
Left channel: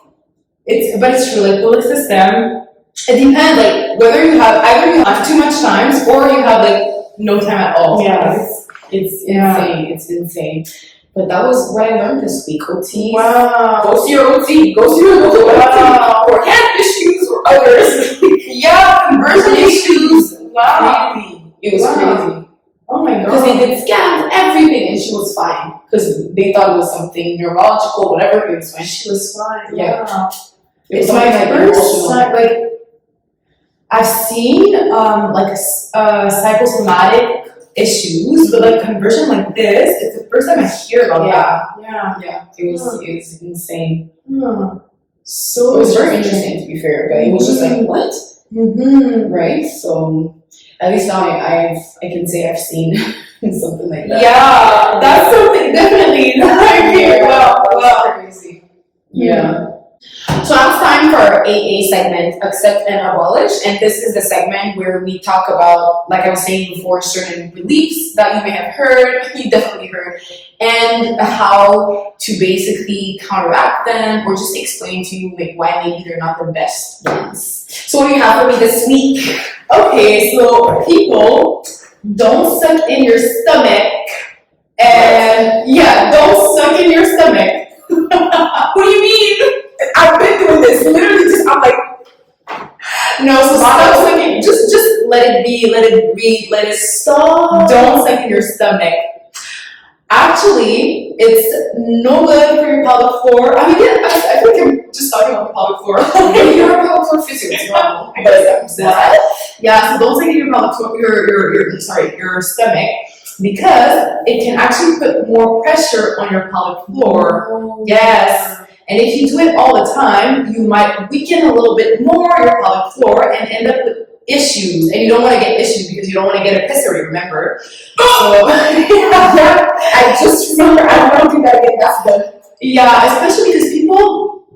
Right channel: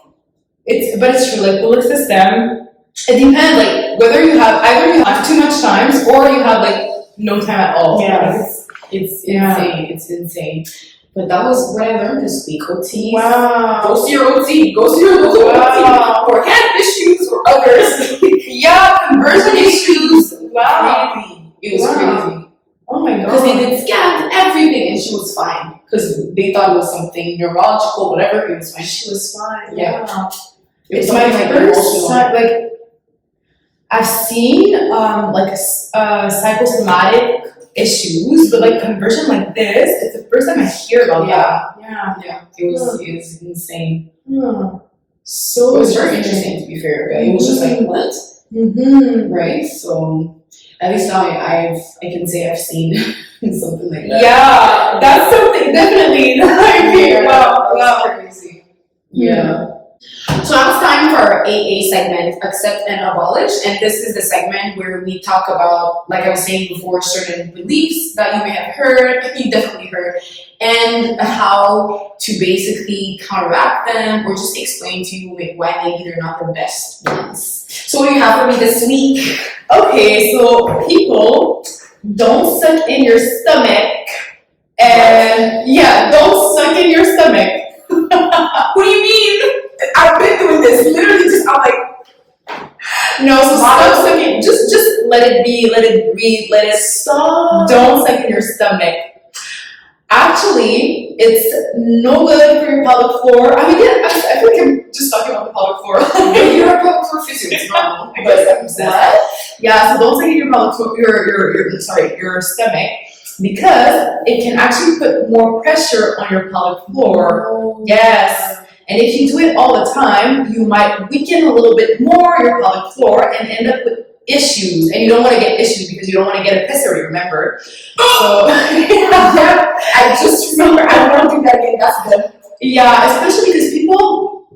it's true, like, public system, it depends, like, whether you have too much time or you have, like, no time at all. Yeah. It's insane. It's insane. But that was what I learned this week. OT. Wow. Go see your OT. Go see your local OT. Or hand issues or others. Conversion issues. Wow. Crazy. It was crazy. Oh my God. Because they did scans and everything, and she was fine. Because they thought it was something neurological, whatever. It was fine. She was fine. Yeah. It's my first time, like, I've seen like a psychosomatic issues, but like conversion like this, it's the first time I hear about that. Yeah. It was insane. So It was very interesting, to be fair, but it was just like, what? Right? So at least now I can say I've seen something like that. Yeah, that's something definitely. Wow, crazy. Yeah. So now it's time for our AA segment, Accept and Abolish. And this is the segment where we talk about, like I was saying before, certain beliefs that you may have heard, you definitely heard, and how to basically counteract them or just explain to you like, why maybe they're not the best ones. So what do you have for me this week? Okay, so people don't suck in your stomach. And yeah, don't suck in your stomach. What do you mean? I've been doing this. Literally, just I'm like, no, so stop sucking. Just let it be. Let it breathe. Let it stop. Don't suck in your stomach. Actually, it's no good for your pelvic floor. I mean, yeah, I think I'm just talking about the pelvic floor. You're a pelvic floor physio. It's normal. What? Yeah, so don't suck in your pelvic floor. Your stomach, because it can actually put more pressure on your pelvic floor. Yes. And if you do it all the time, you might weaken a little bit more your pelvic floor and end up with issues. And you don't want to get issues because you don't want to get a pessary, remember? So, I just remember, I don't want to do that again. That's good. Yeah, especially because people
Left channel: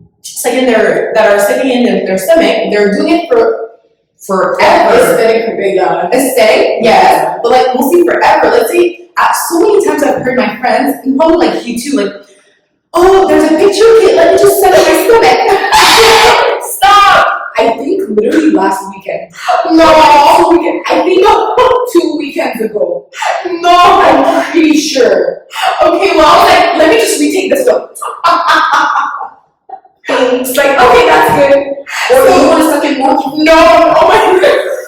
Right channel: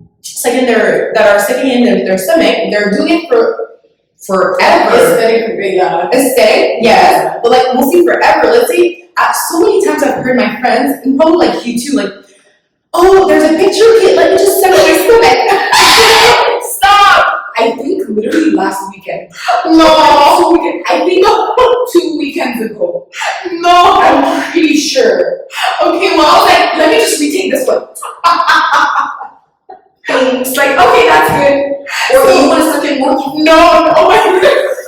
that are sucking in their stomach, they're doing it for forever. Aesthetic, yes. But like mostly forever. Let's say, so many times I've heard my friends, and probably like you too, like, oh, there's a picture of it. Let me just suck in my stomach. Stop! I think literally last weekend. No. I think 2 weekends ago. No. I'm pretty sure. Okay, well, like, let me just retake this one. It's like, okay, that's good. Or so, you want to suck in more? No. Oh my goodness.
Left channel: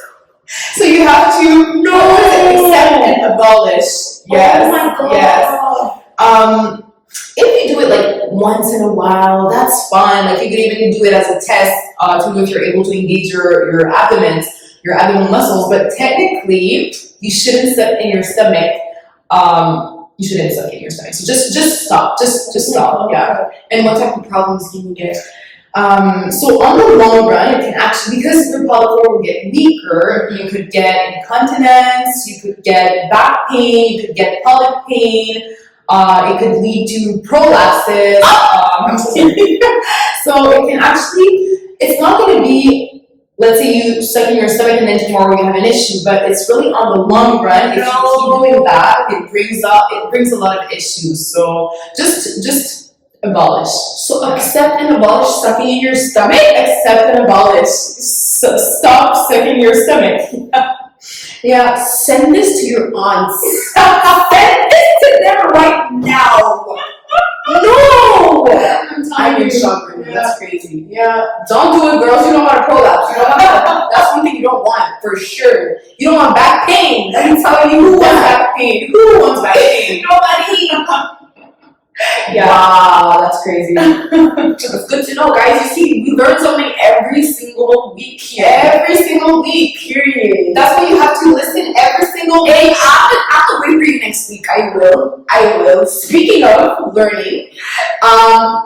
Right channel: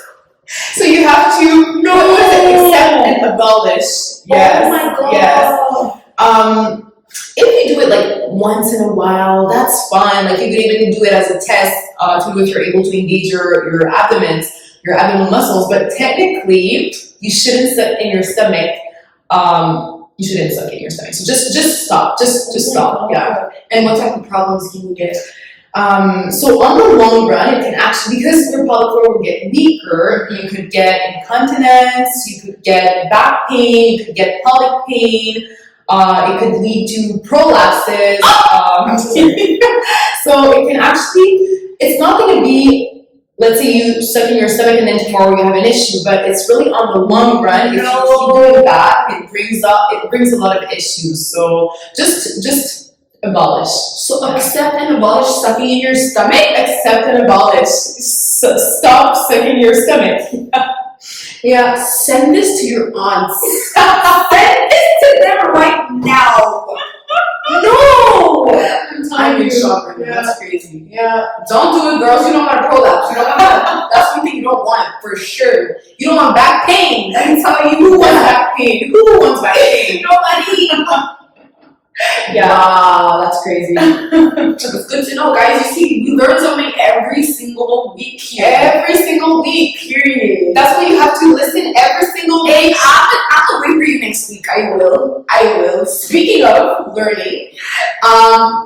So you have to accept and abolish. Yes. Oh my God. Yes. If you do it like once in a while, that's fine. Like you could even do it as a test to know if you're able to engage your abdominal muscles. But technically, you shouldn't suck in your stomach. You shouldn't suck in your stomach. So just stop. Just stop. Yeah. And what type of problems can you get? So on the long run, it can actually, because your pelvic floor will get weaker, you could get incontinence, you could get back pain, you could get pelvic pain. It could lead to prolapses. I'm so sorry. So it can actually, it's not going to be, let's say you suck in your stomach and then tomorrow you have an issue, but it's really on the long run. If you keep doing that, it brings a lot of issues. So just abolish. So accept and abolish sucking in your stomach? Accept and abolish. Stop sucking your stomach. Yeah, send this to your aunts. Send this to them right now. No! I'm in shock right now. That's crazy. Yeah. Don't do it, girls. You don't want to prolapse. You don't want that. That's one thing you don't want, for sure. You don't want back pain. Let me tell you, who wants back pain? Who wants back pain? Nobody. Yeah. Wow, that's crazy. It's good to know, guys. You see, we learn something every single week here. Every single week, period. That's why you have to listen every single week. And I'll wait for you next week. I will. Speaking of learning,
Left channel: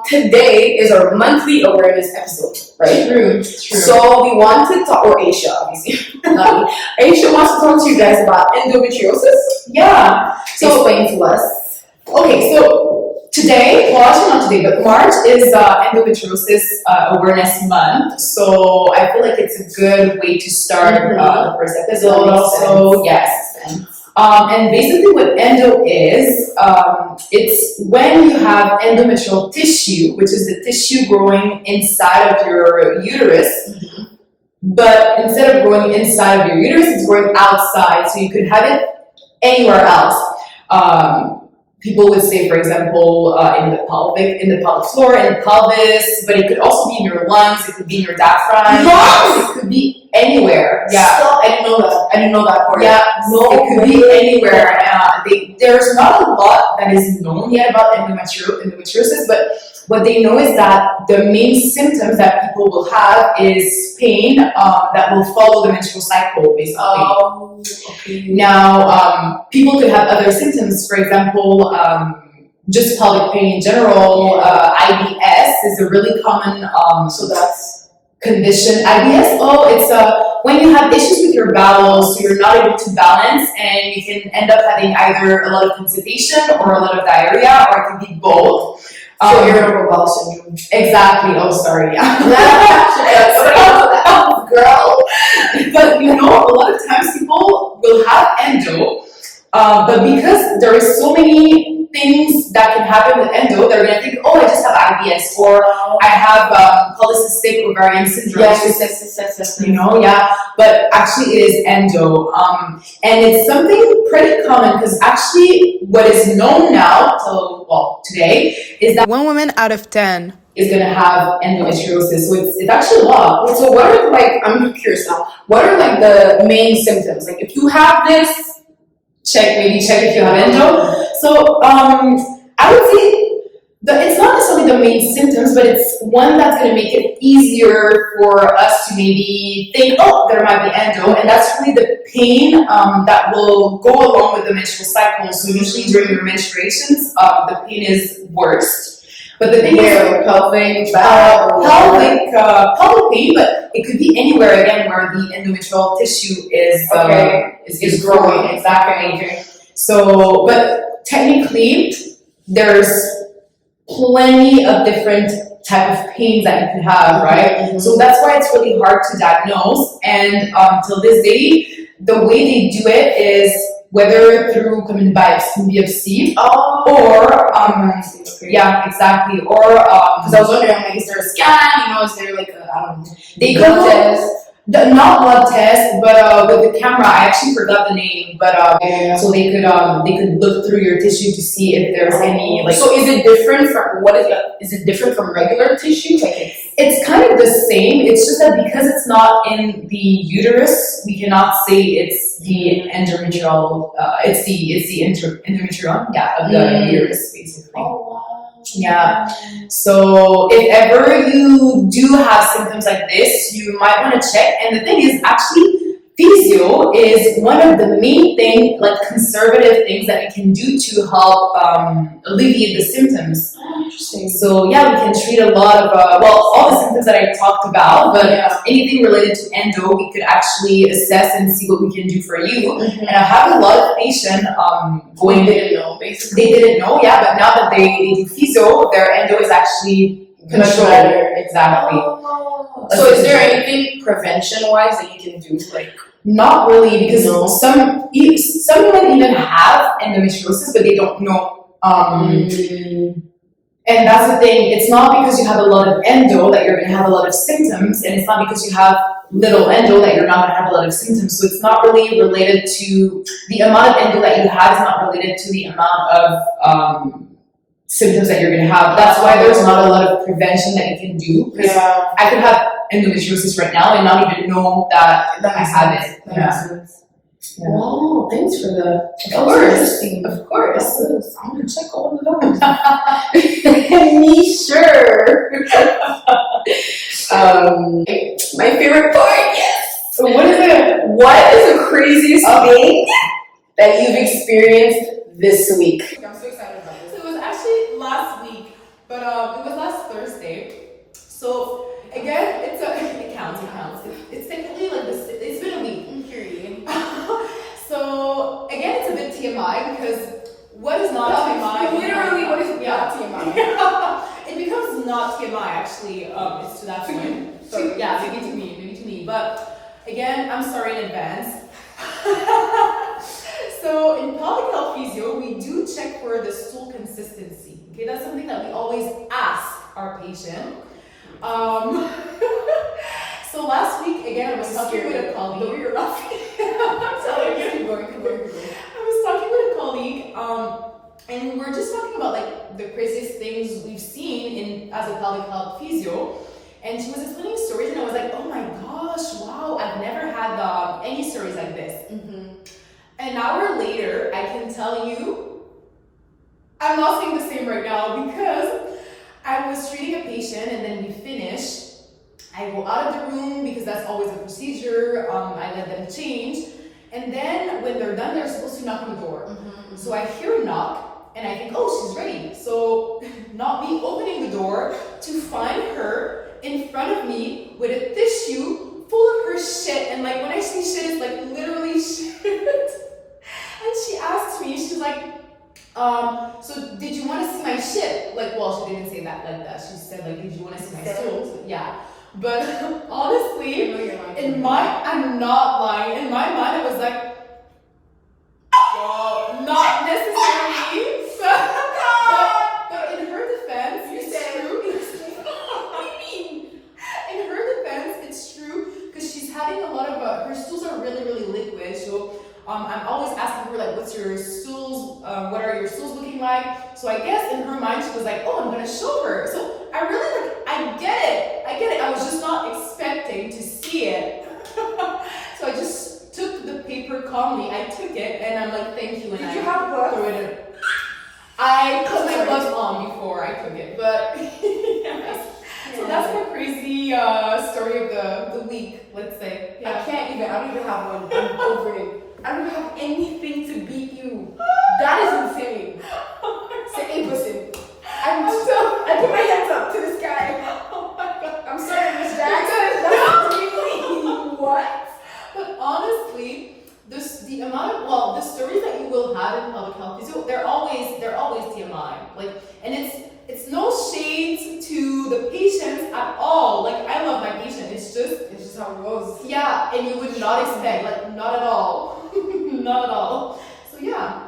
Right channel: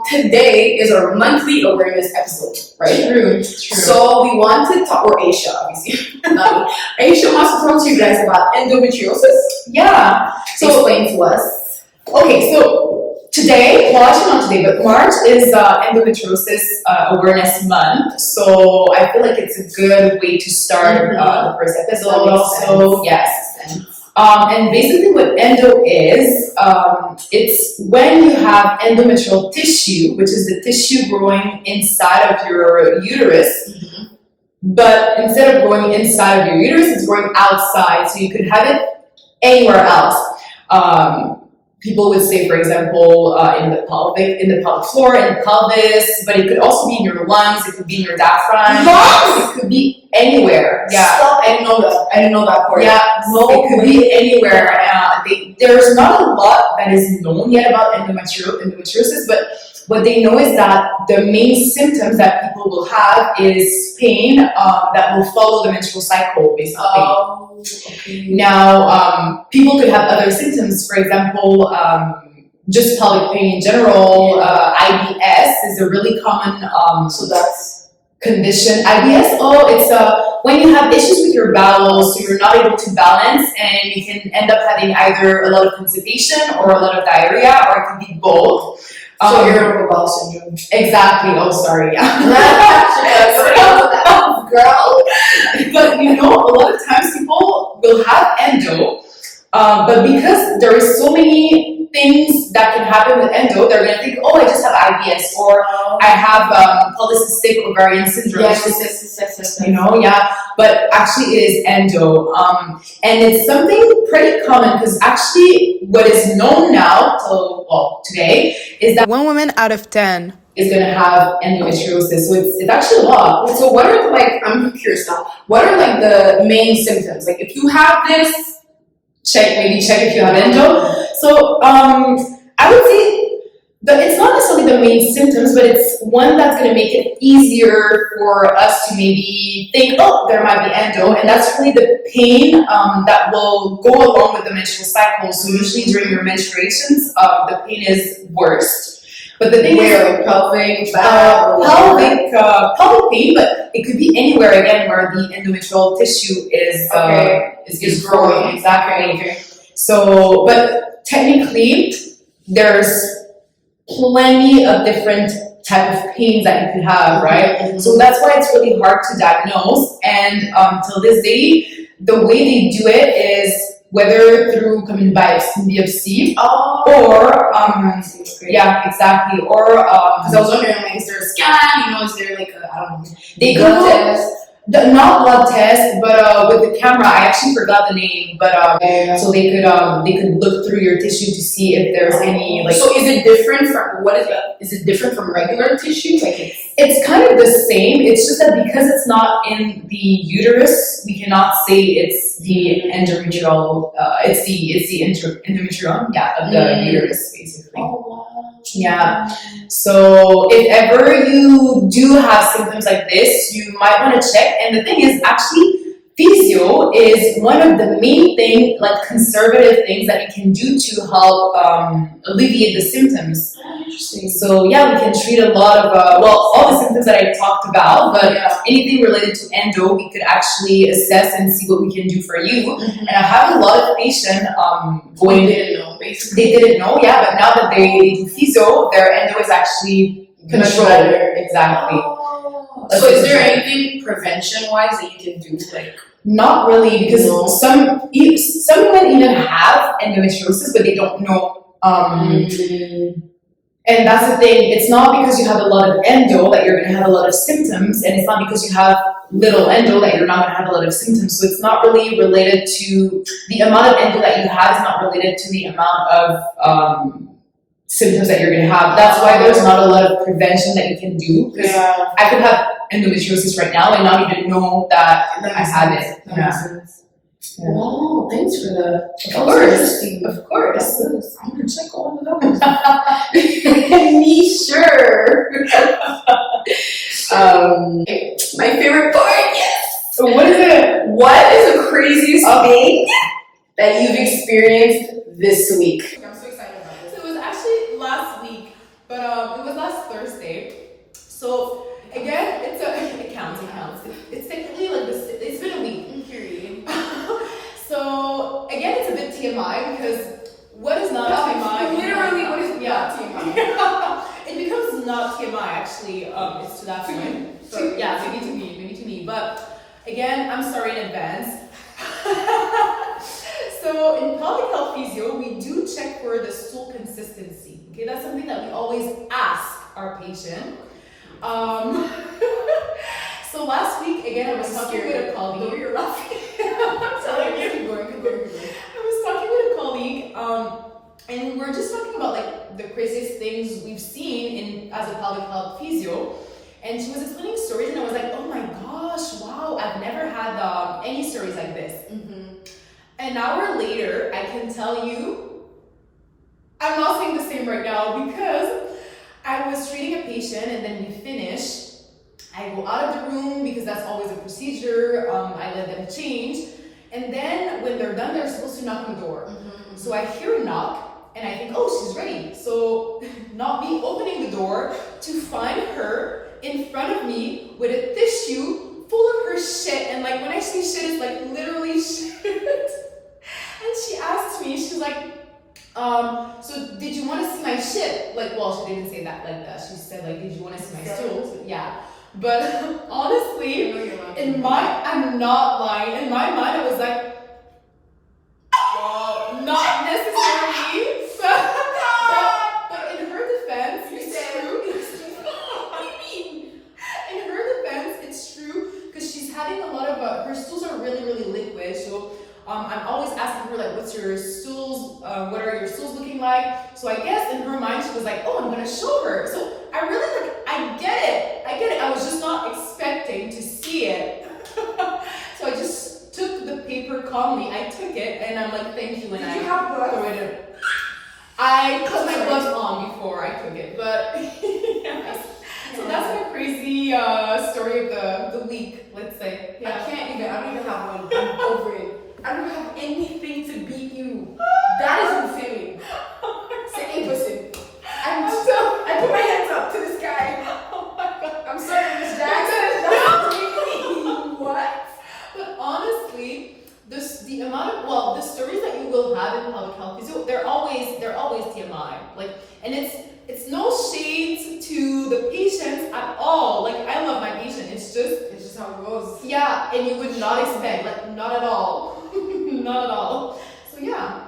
today is our monthly awareness episode, right? True. So we want to talk, or Aïcha, obviously. Aïcha wants to talk to you guys about endometriosis. Yeah. So explain to us. Okay, so today, well actually not today, but March is Endometriosis Awareness Month. So I feel like it's a good way to start the first episode. Also, yes. And basically what endo is, it's when you have endometrial tissue, which is the tissue growing inside of your uterus. But instead of growing inside of your uterus, it's growing outside. So you could have it anywhere else. People would say, for example, in the pelvic floor, in the pelvis, but it could also be in your lungs, it could be in your diaphragm. Lungs! It could be anywhere. Yeah. Stop. I didn't know that part. Yeah, no, it could be anywhere. There's not a lot that is known yet about endometriosis, but what they know is that the main symptoms that people will have is pain that will follow the menstrual cycle, basically. Oh, okay. Now, people could have other symptoms. For example, just pelvic pain in general. IBS is a really common So that's condition. IBS, it's when you have issues with your bowels, so you're not able to balance, and you can end up having either a lot of constipation or a lot of diarrhea, or it could be both. so irritable bowel syndrome. Exactly. Oh, sorry. Yeah. Girl. But you know, a lot of times people will have endo, but because there is so many things that can happen with endo, they're gonna think, oh, I just have IBS, or I have polycystic ovarian syndrome. Yes. You know, yeah. But actually, it is endo, and it's something pretty common because actually, what is known now till today is that 1 woman out of 10 is gonna have endometriosis. So it's actually a lot. So what are I'm curious now. What are the main symptoms? Like if you have this, check if you have endo. So I would say that it's not necessarily the main symptoms, but it's one that's going to make it easier for us to maybe think, oh, there might be endo, and that's really the pain that will go along with the menstrual cycle. So usually during your menstruations, the pain is worst. But the thing is, pelvic, pelvic pain, but it could be anywhere again where the endometrial tissue is growing. Exactly. Okay. So, but technically, there's plenty of different type of pains that you can have, right? Mm-hmm. So that's why it's really hard to diagnose. And till this day, the way they do it is whether through common biopsy or yeah, exactly, or because I was wondering, is there a scan? Is there I don't know, they blood test? Not blood test, but with the camera, I actually forgot the name, but so they could look through your tissue to see if there's any So is it different from is it different from regular tissue? It's kind of the same. It's just that because it's not in the uterus, we cannot say it's the endometrial. It's the endometrium, of the uterus, basically. Oh wow. Yeah. So if ever you do have symptoms like this, you might want to check. And the thing is, actually, physio is one of the main conservative things that you can do to help alleviate the symptoms. Oh, interesting. So yeah, we can treat a lot of all the symptoms that I talked about, but anything related to endo, we could actually assess and see what we can do for you. Mm-hmm. And I have a lot of patients going. They didn't know, basically. They didn't know, yeah, but now that they do physio, their endo is actually controlled. Exactly. Oh. So is there anything prevention-wise that you can do, Not really, because some women even have endometriosis, but they don't know. And that's the thing. It's not because you have a lot of endo that you're going to have a lot of symptoms, and it's not because you have little endo that you're not going to have a lot of symptoms. So it's not really related to the amount of endo that you have. Is not related to the amount of symptoms that you're going to have. That's why there's not a lot of prevention that you can do. Because I could have endometriosis right now and not even know that I have it. That makes sense. Yeah. Wow, thanks for the. Of course. I'm gonna check all of those. Me sure. My favorite part, yes. So what is it? What is the craziest thing that you've experienced this week? I'm so excited about this. It was actually last week, but it was last Thursday. So again, it counts. It's technically it's been a week, period. So again, it's a bit TMI because what is not TMI? Literally, what is not TMI? It becomes not TMI actually. It's to that point. So yeah, maybe to me. But again, I'm sorry in advance. So in pelvic health physio, we do check for the stool consistency. Okay, that's something that we always ask our patient. So last week, again, I was talking with a colleague. You're laughing. Keep going. I was talking with a colleague, and we're just talking about the craziest things we've seen as a pelvic health physio. And she was explaining stories, and I was like, oh my gosh, wow, I've never had any stories like this. Mm-hmm. An hour later, I can tell you, I'm not saying the same right now because I was treating a patient, and then we finished. I go out of the room because that's always a procedure. I let them change. And then when they're done, they're supposed to knock on the door. So I hear a knock and I think, oh, she's ready. So not me opening the door to find her in front of me with a tissue full of her shit. And like when I say shit, it's like literally shit. And she asked me, she's like, so did you want to see my shit? Like, well, she didn't say that like that. She said like, did you want to see my stools? Yeah. But honestly, I'm not lying. In my mind, I was like, well, not necessarily. But in her defense, it's true. What do you mean? In her defense, it's true because she's having a lot of her stools are really, really liquid. So I'm always asking her like, what's your stools? What are your stools looking like? So I guess in her mind, she was like, oh, I'm gonna show her. So I really like, I get it. I was just not expecting to see it. So I just took the paper calmly. I took it and I'm like, thank you. And Did you have gloves? threw it in. I put my gloves on before I took it, but yeah. So that's my crazy story of the week, let's say. Yeah. I don't even have one. I'm over it. I don't have anything to beat you. That is insane. Say, listen. I put my hands up to the sky. Oh my God. I'm sorry, Miss Jackson. What? But honestly, the amount of the stories that you will have in public health physio, they're always TMI. Like, and it's no shades to the patients at all. Like, I love my patient. It's just how it goes. Yeah, and you would not expect, like, not at all, not at all. So yeah.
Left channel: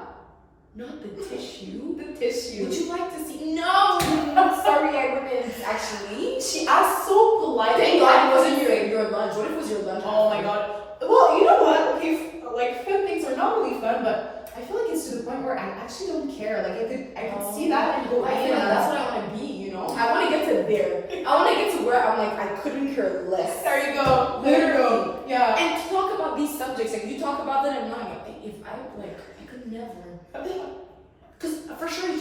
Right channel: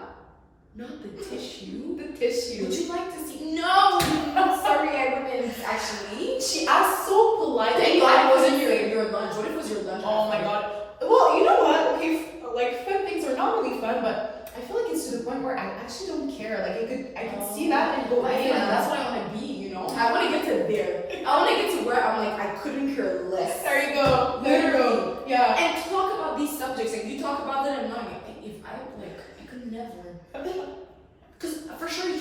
Not the tissue. The tissue. Would you like to see? No! I'm sorry, I wouldn't actually. She asked so politely. Thank God it wasn't your lunch. What if it was your lunch? Oh my God. Well, you know what? Okay, like fun things are not really fun, but I feel like it's to the point where I actually don't care. Like I could see that and go. I feel like that's what I want to be. You know. I want to get to there. I want to get to where I'm like I couldn't care less. There you go. There you go. Yeah. And talk about these subjects. Like you talk about that in mind. If I could never. Because for sure you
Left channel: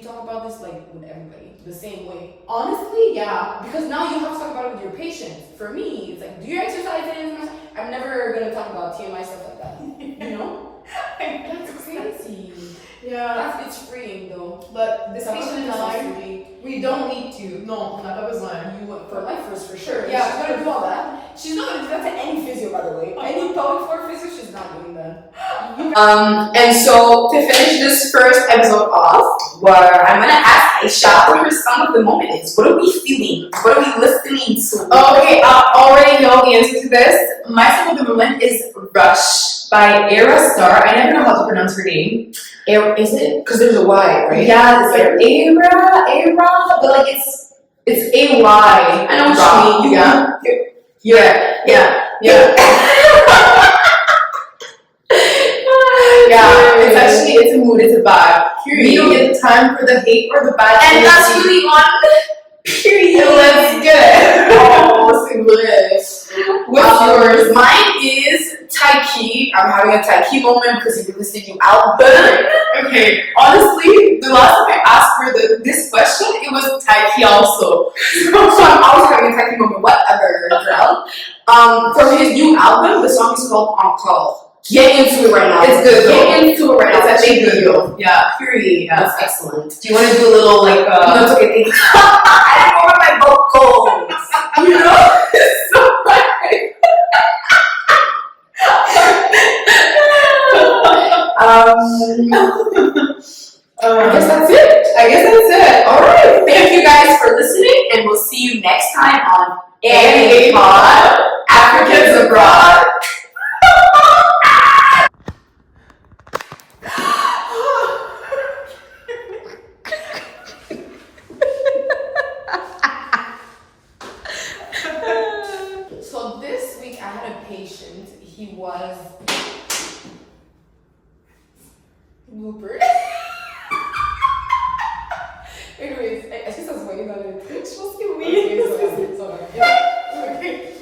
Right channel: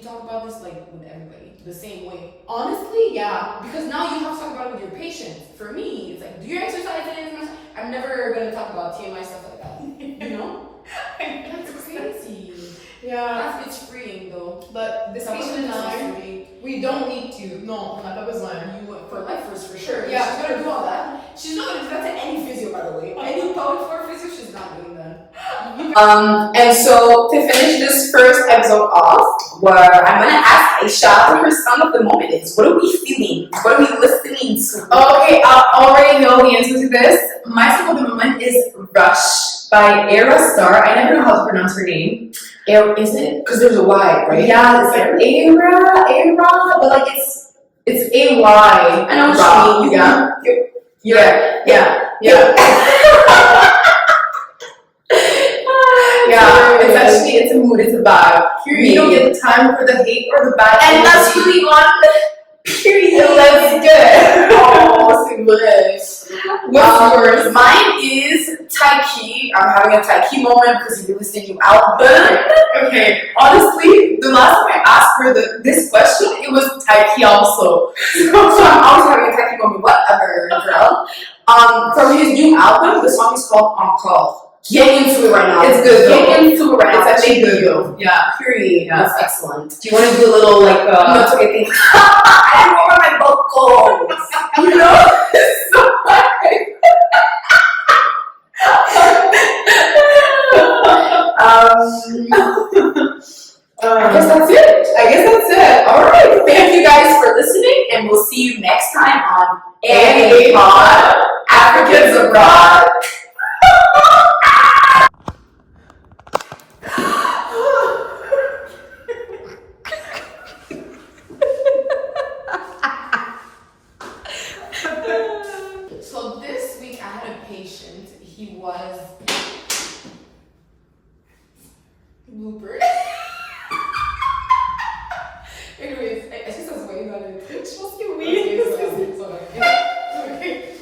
talk about this like with everybody the same way. Honestly, yeah. Because now you have to talk about it with your patients. For me, it's like, do you exercise? I'm never gonna talk about TMI stuff like that. You know? That's crazy. Yeah. It's freeing though. But this patient and I, we don't need to. No, on n'a pas besoin. You went for life first for sure. Yeah, she's gonna do all that. She's not gonna do that to any physio, by the way. Any pelvic floor physio, she's not doing that. And so to finish this first episode off, where I'm gonna ask Aïcha what her song of the moment is. What are we feeling? What are we listening to? Okay, I already know the answer to this. My song of the moment is Rush by Aerostar. I never know how to pronounce her name. Is it? Because there's a Y, right? Yeah, it's like Era, but like it's A-Y. I know what you mean. Yeah. It's a mood, it's a vibe. Period. You don't get the time for the hate or the bad And energy. that's really on Period. Let's good. Oh, English. What's yours? Mine is Taiki. I'm having a Taiki moment because you did this new album. Okay, honestly, the last time I asked for this question, it was Taiki also. So I'm always having a Taiki moment. Whatever, girl. From his new album, the song is called Encore. Get into it right now. It's good. Get into it right now. It's actually good. Yeah, period. Yeah. That's excellent. Do you want to do a little like? No, it's okay. Thank you. I don't know my vocals. You know, so I guess that's it. All right. Thank you guys for listening, and we'll see you next time on A Pod Africans Abroad. So this week I had a patient. He was Looper. Anyways, est-ce que ça se voyait dans le truc? Je pense que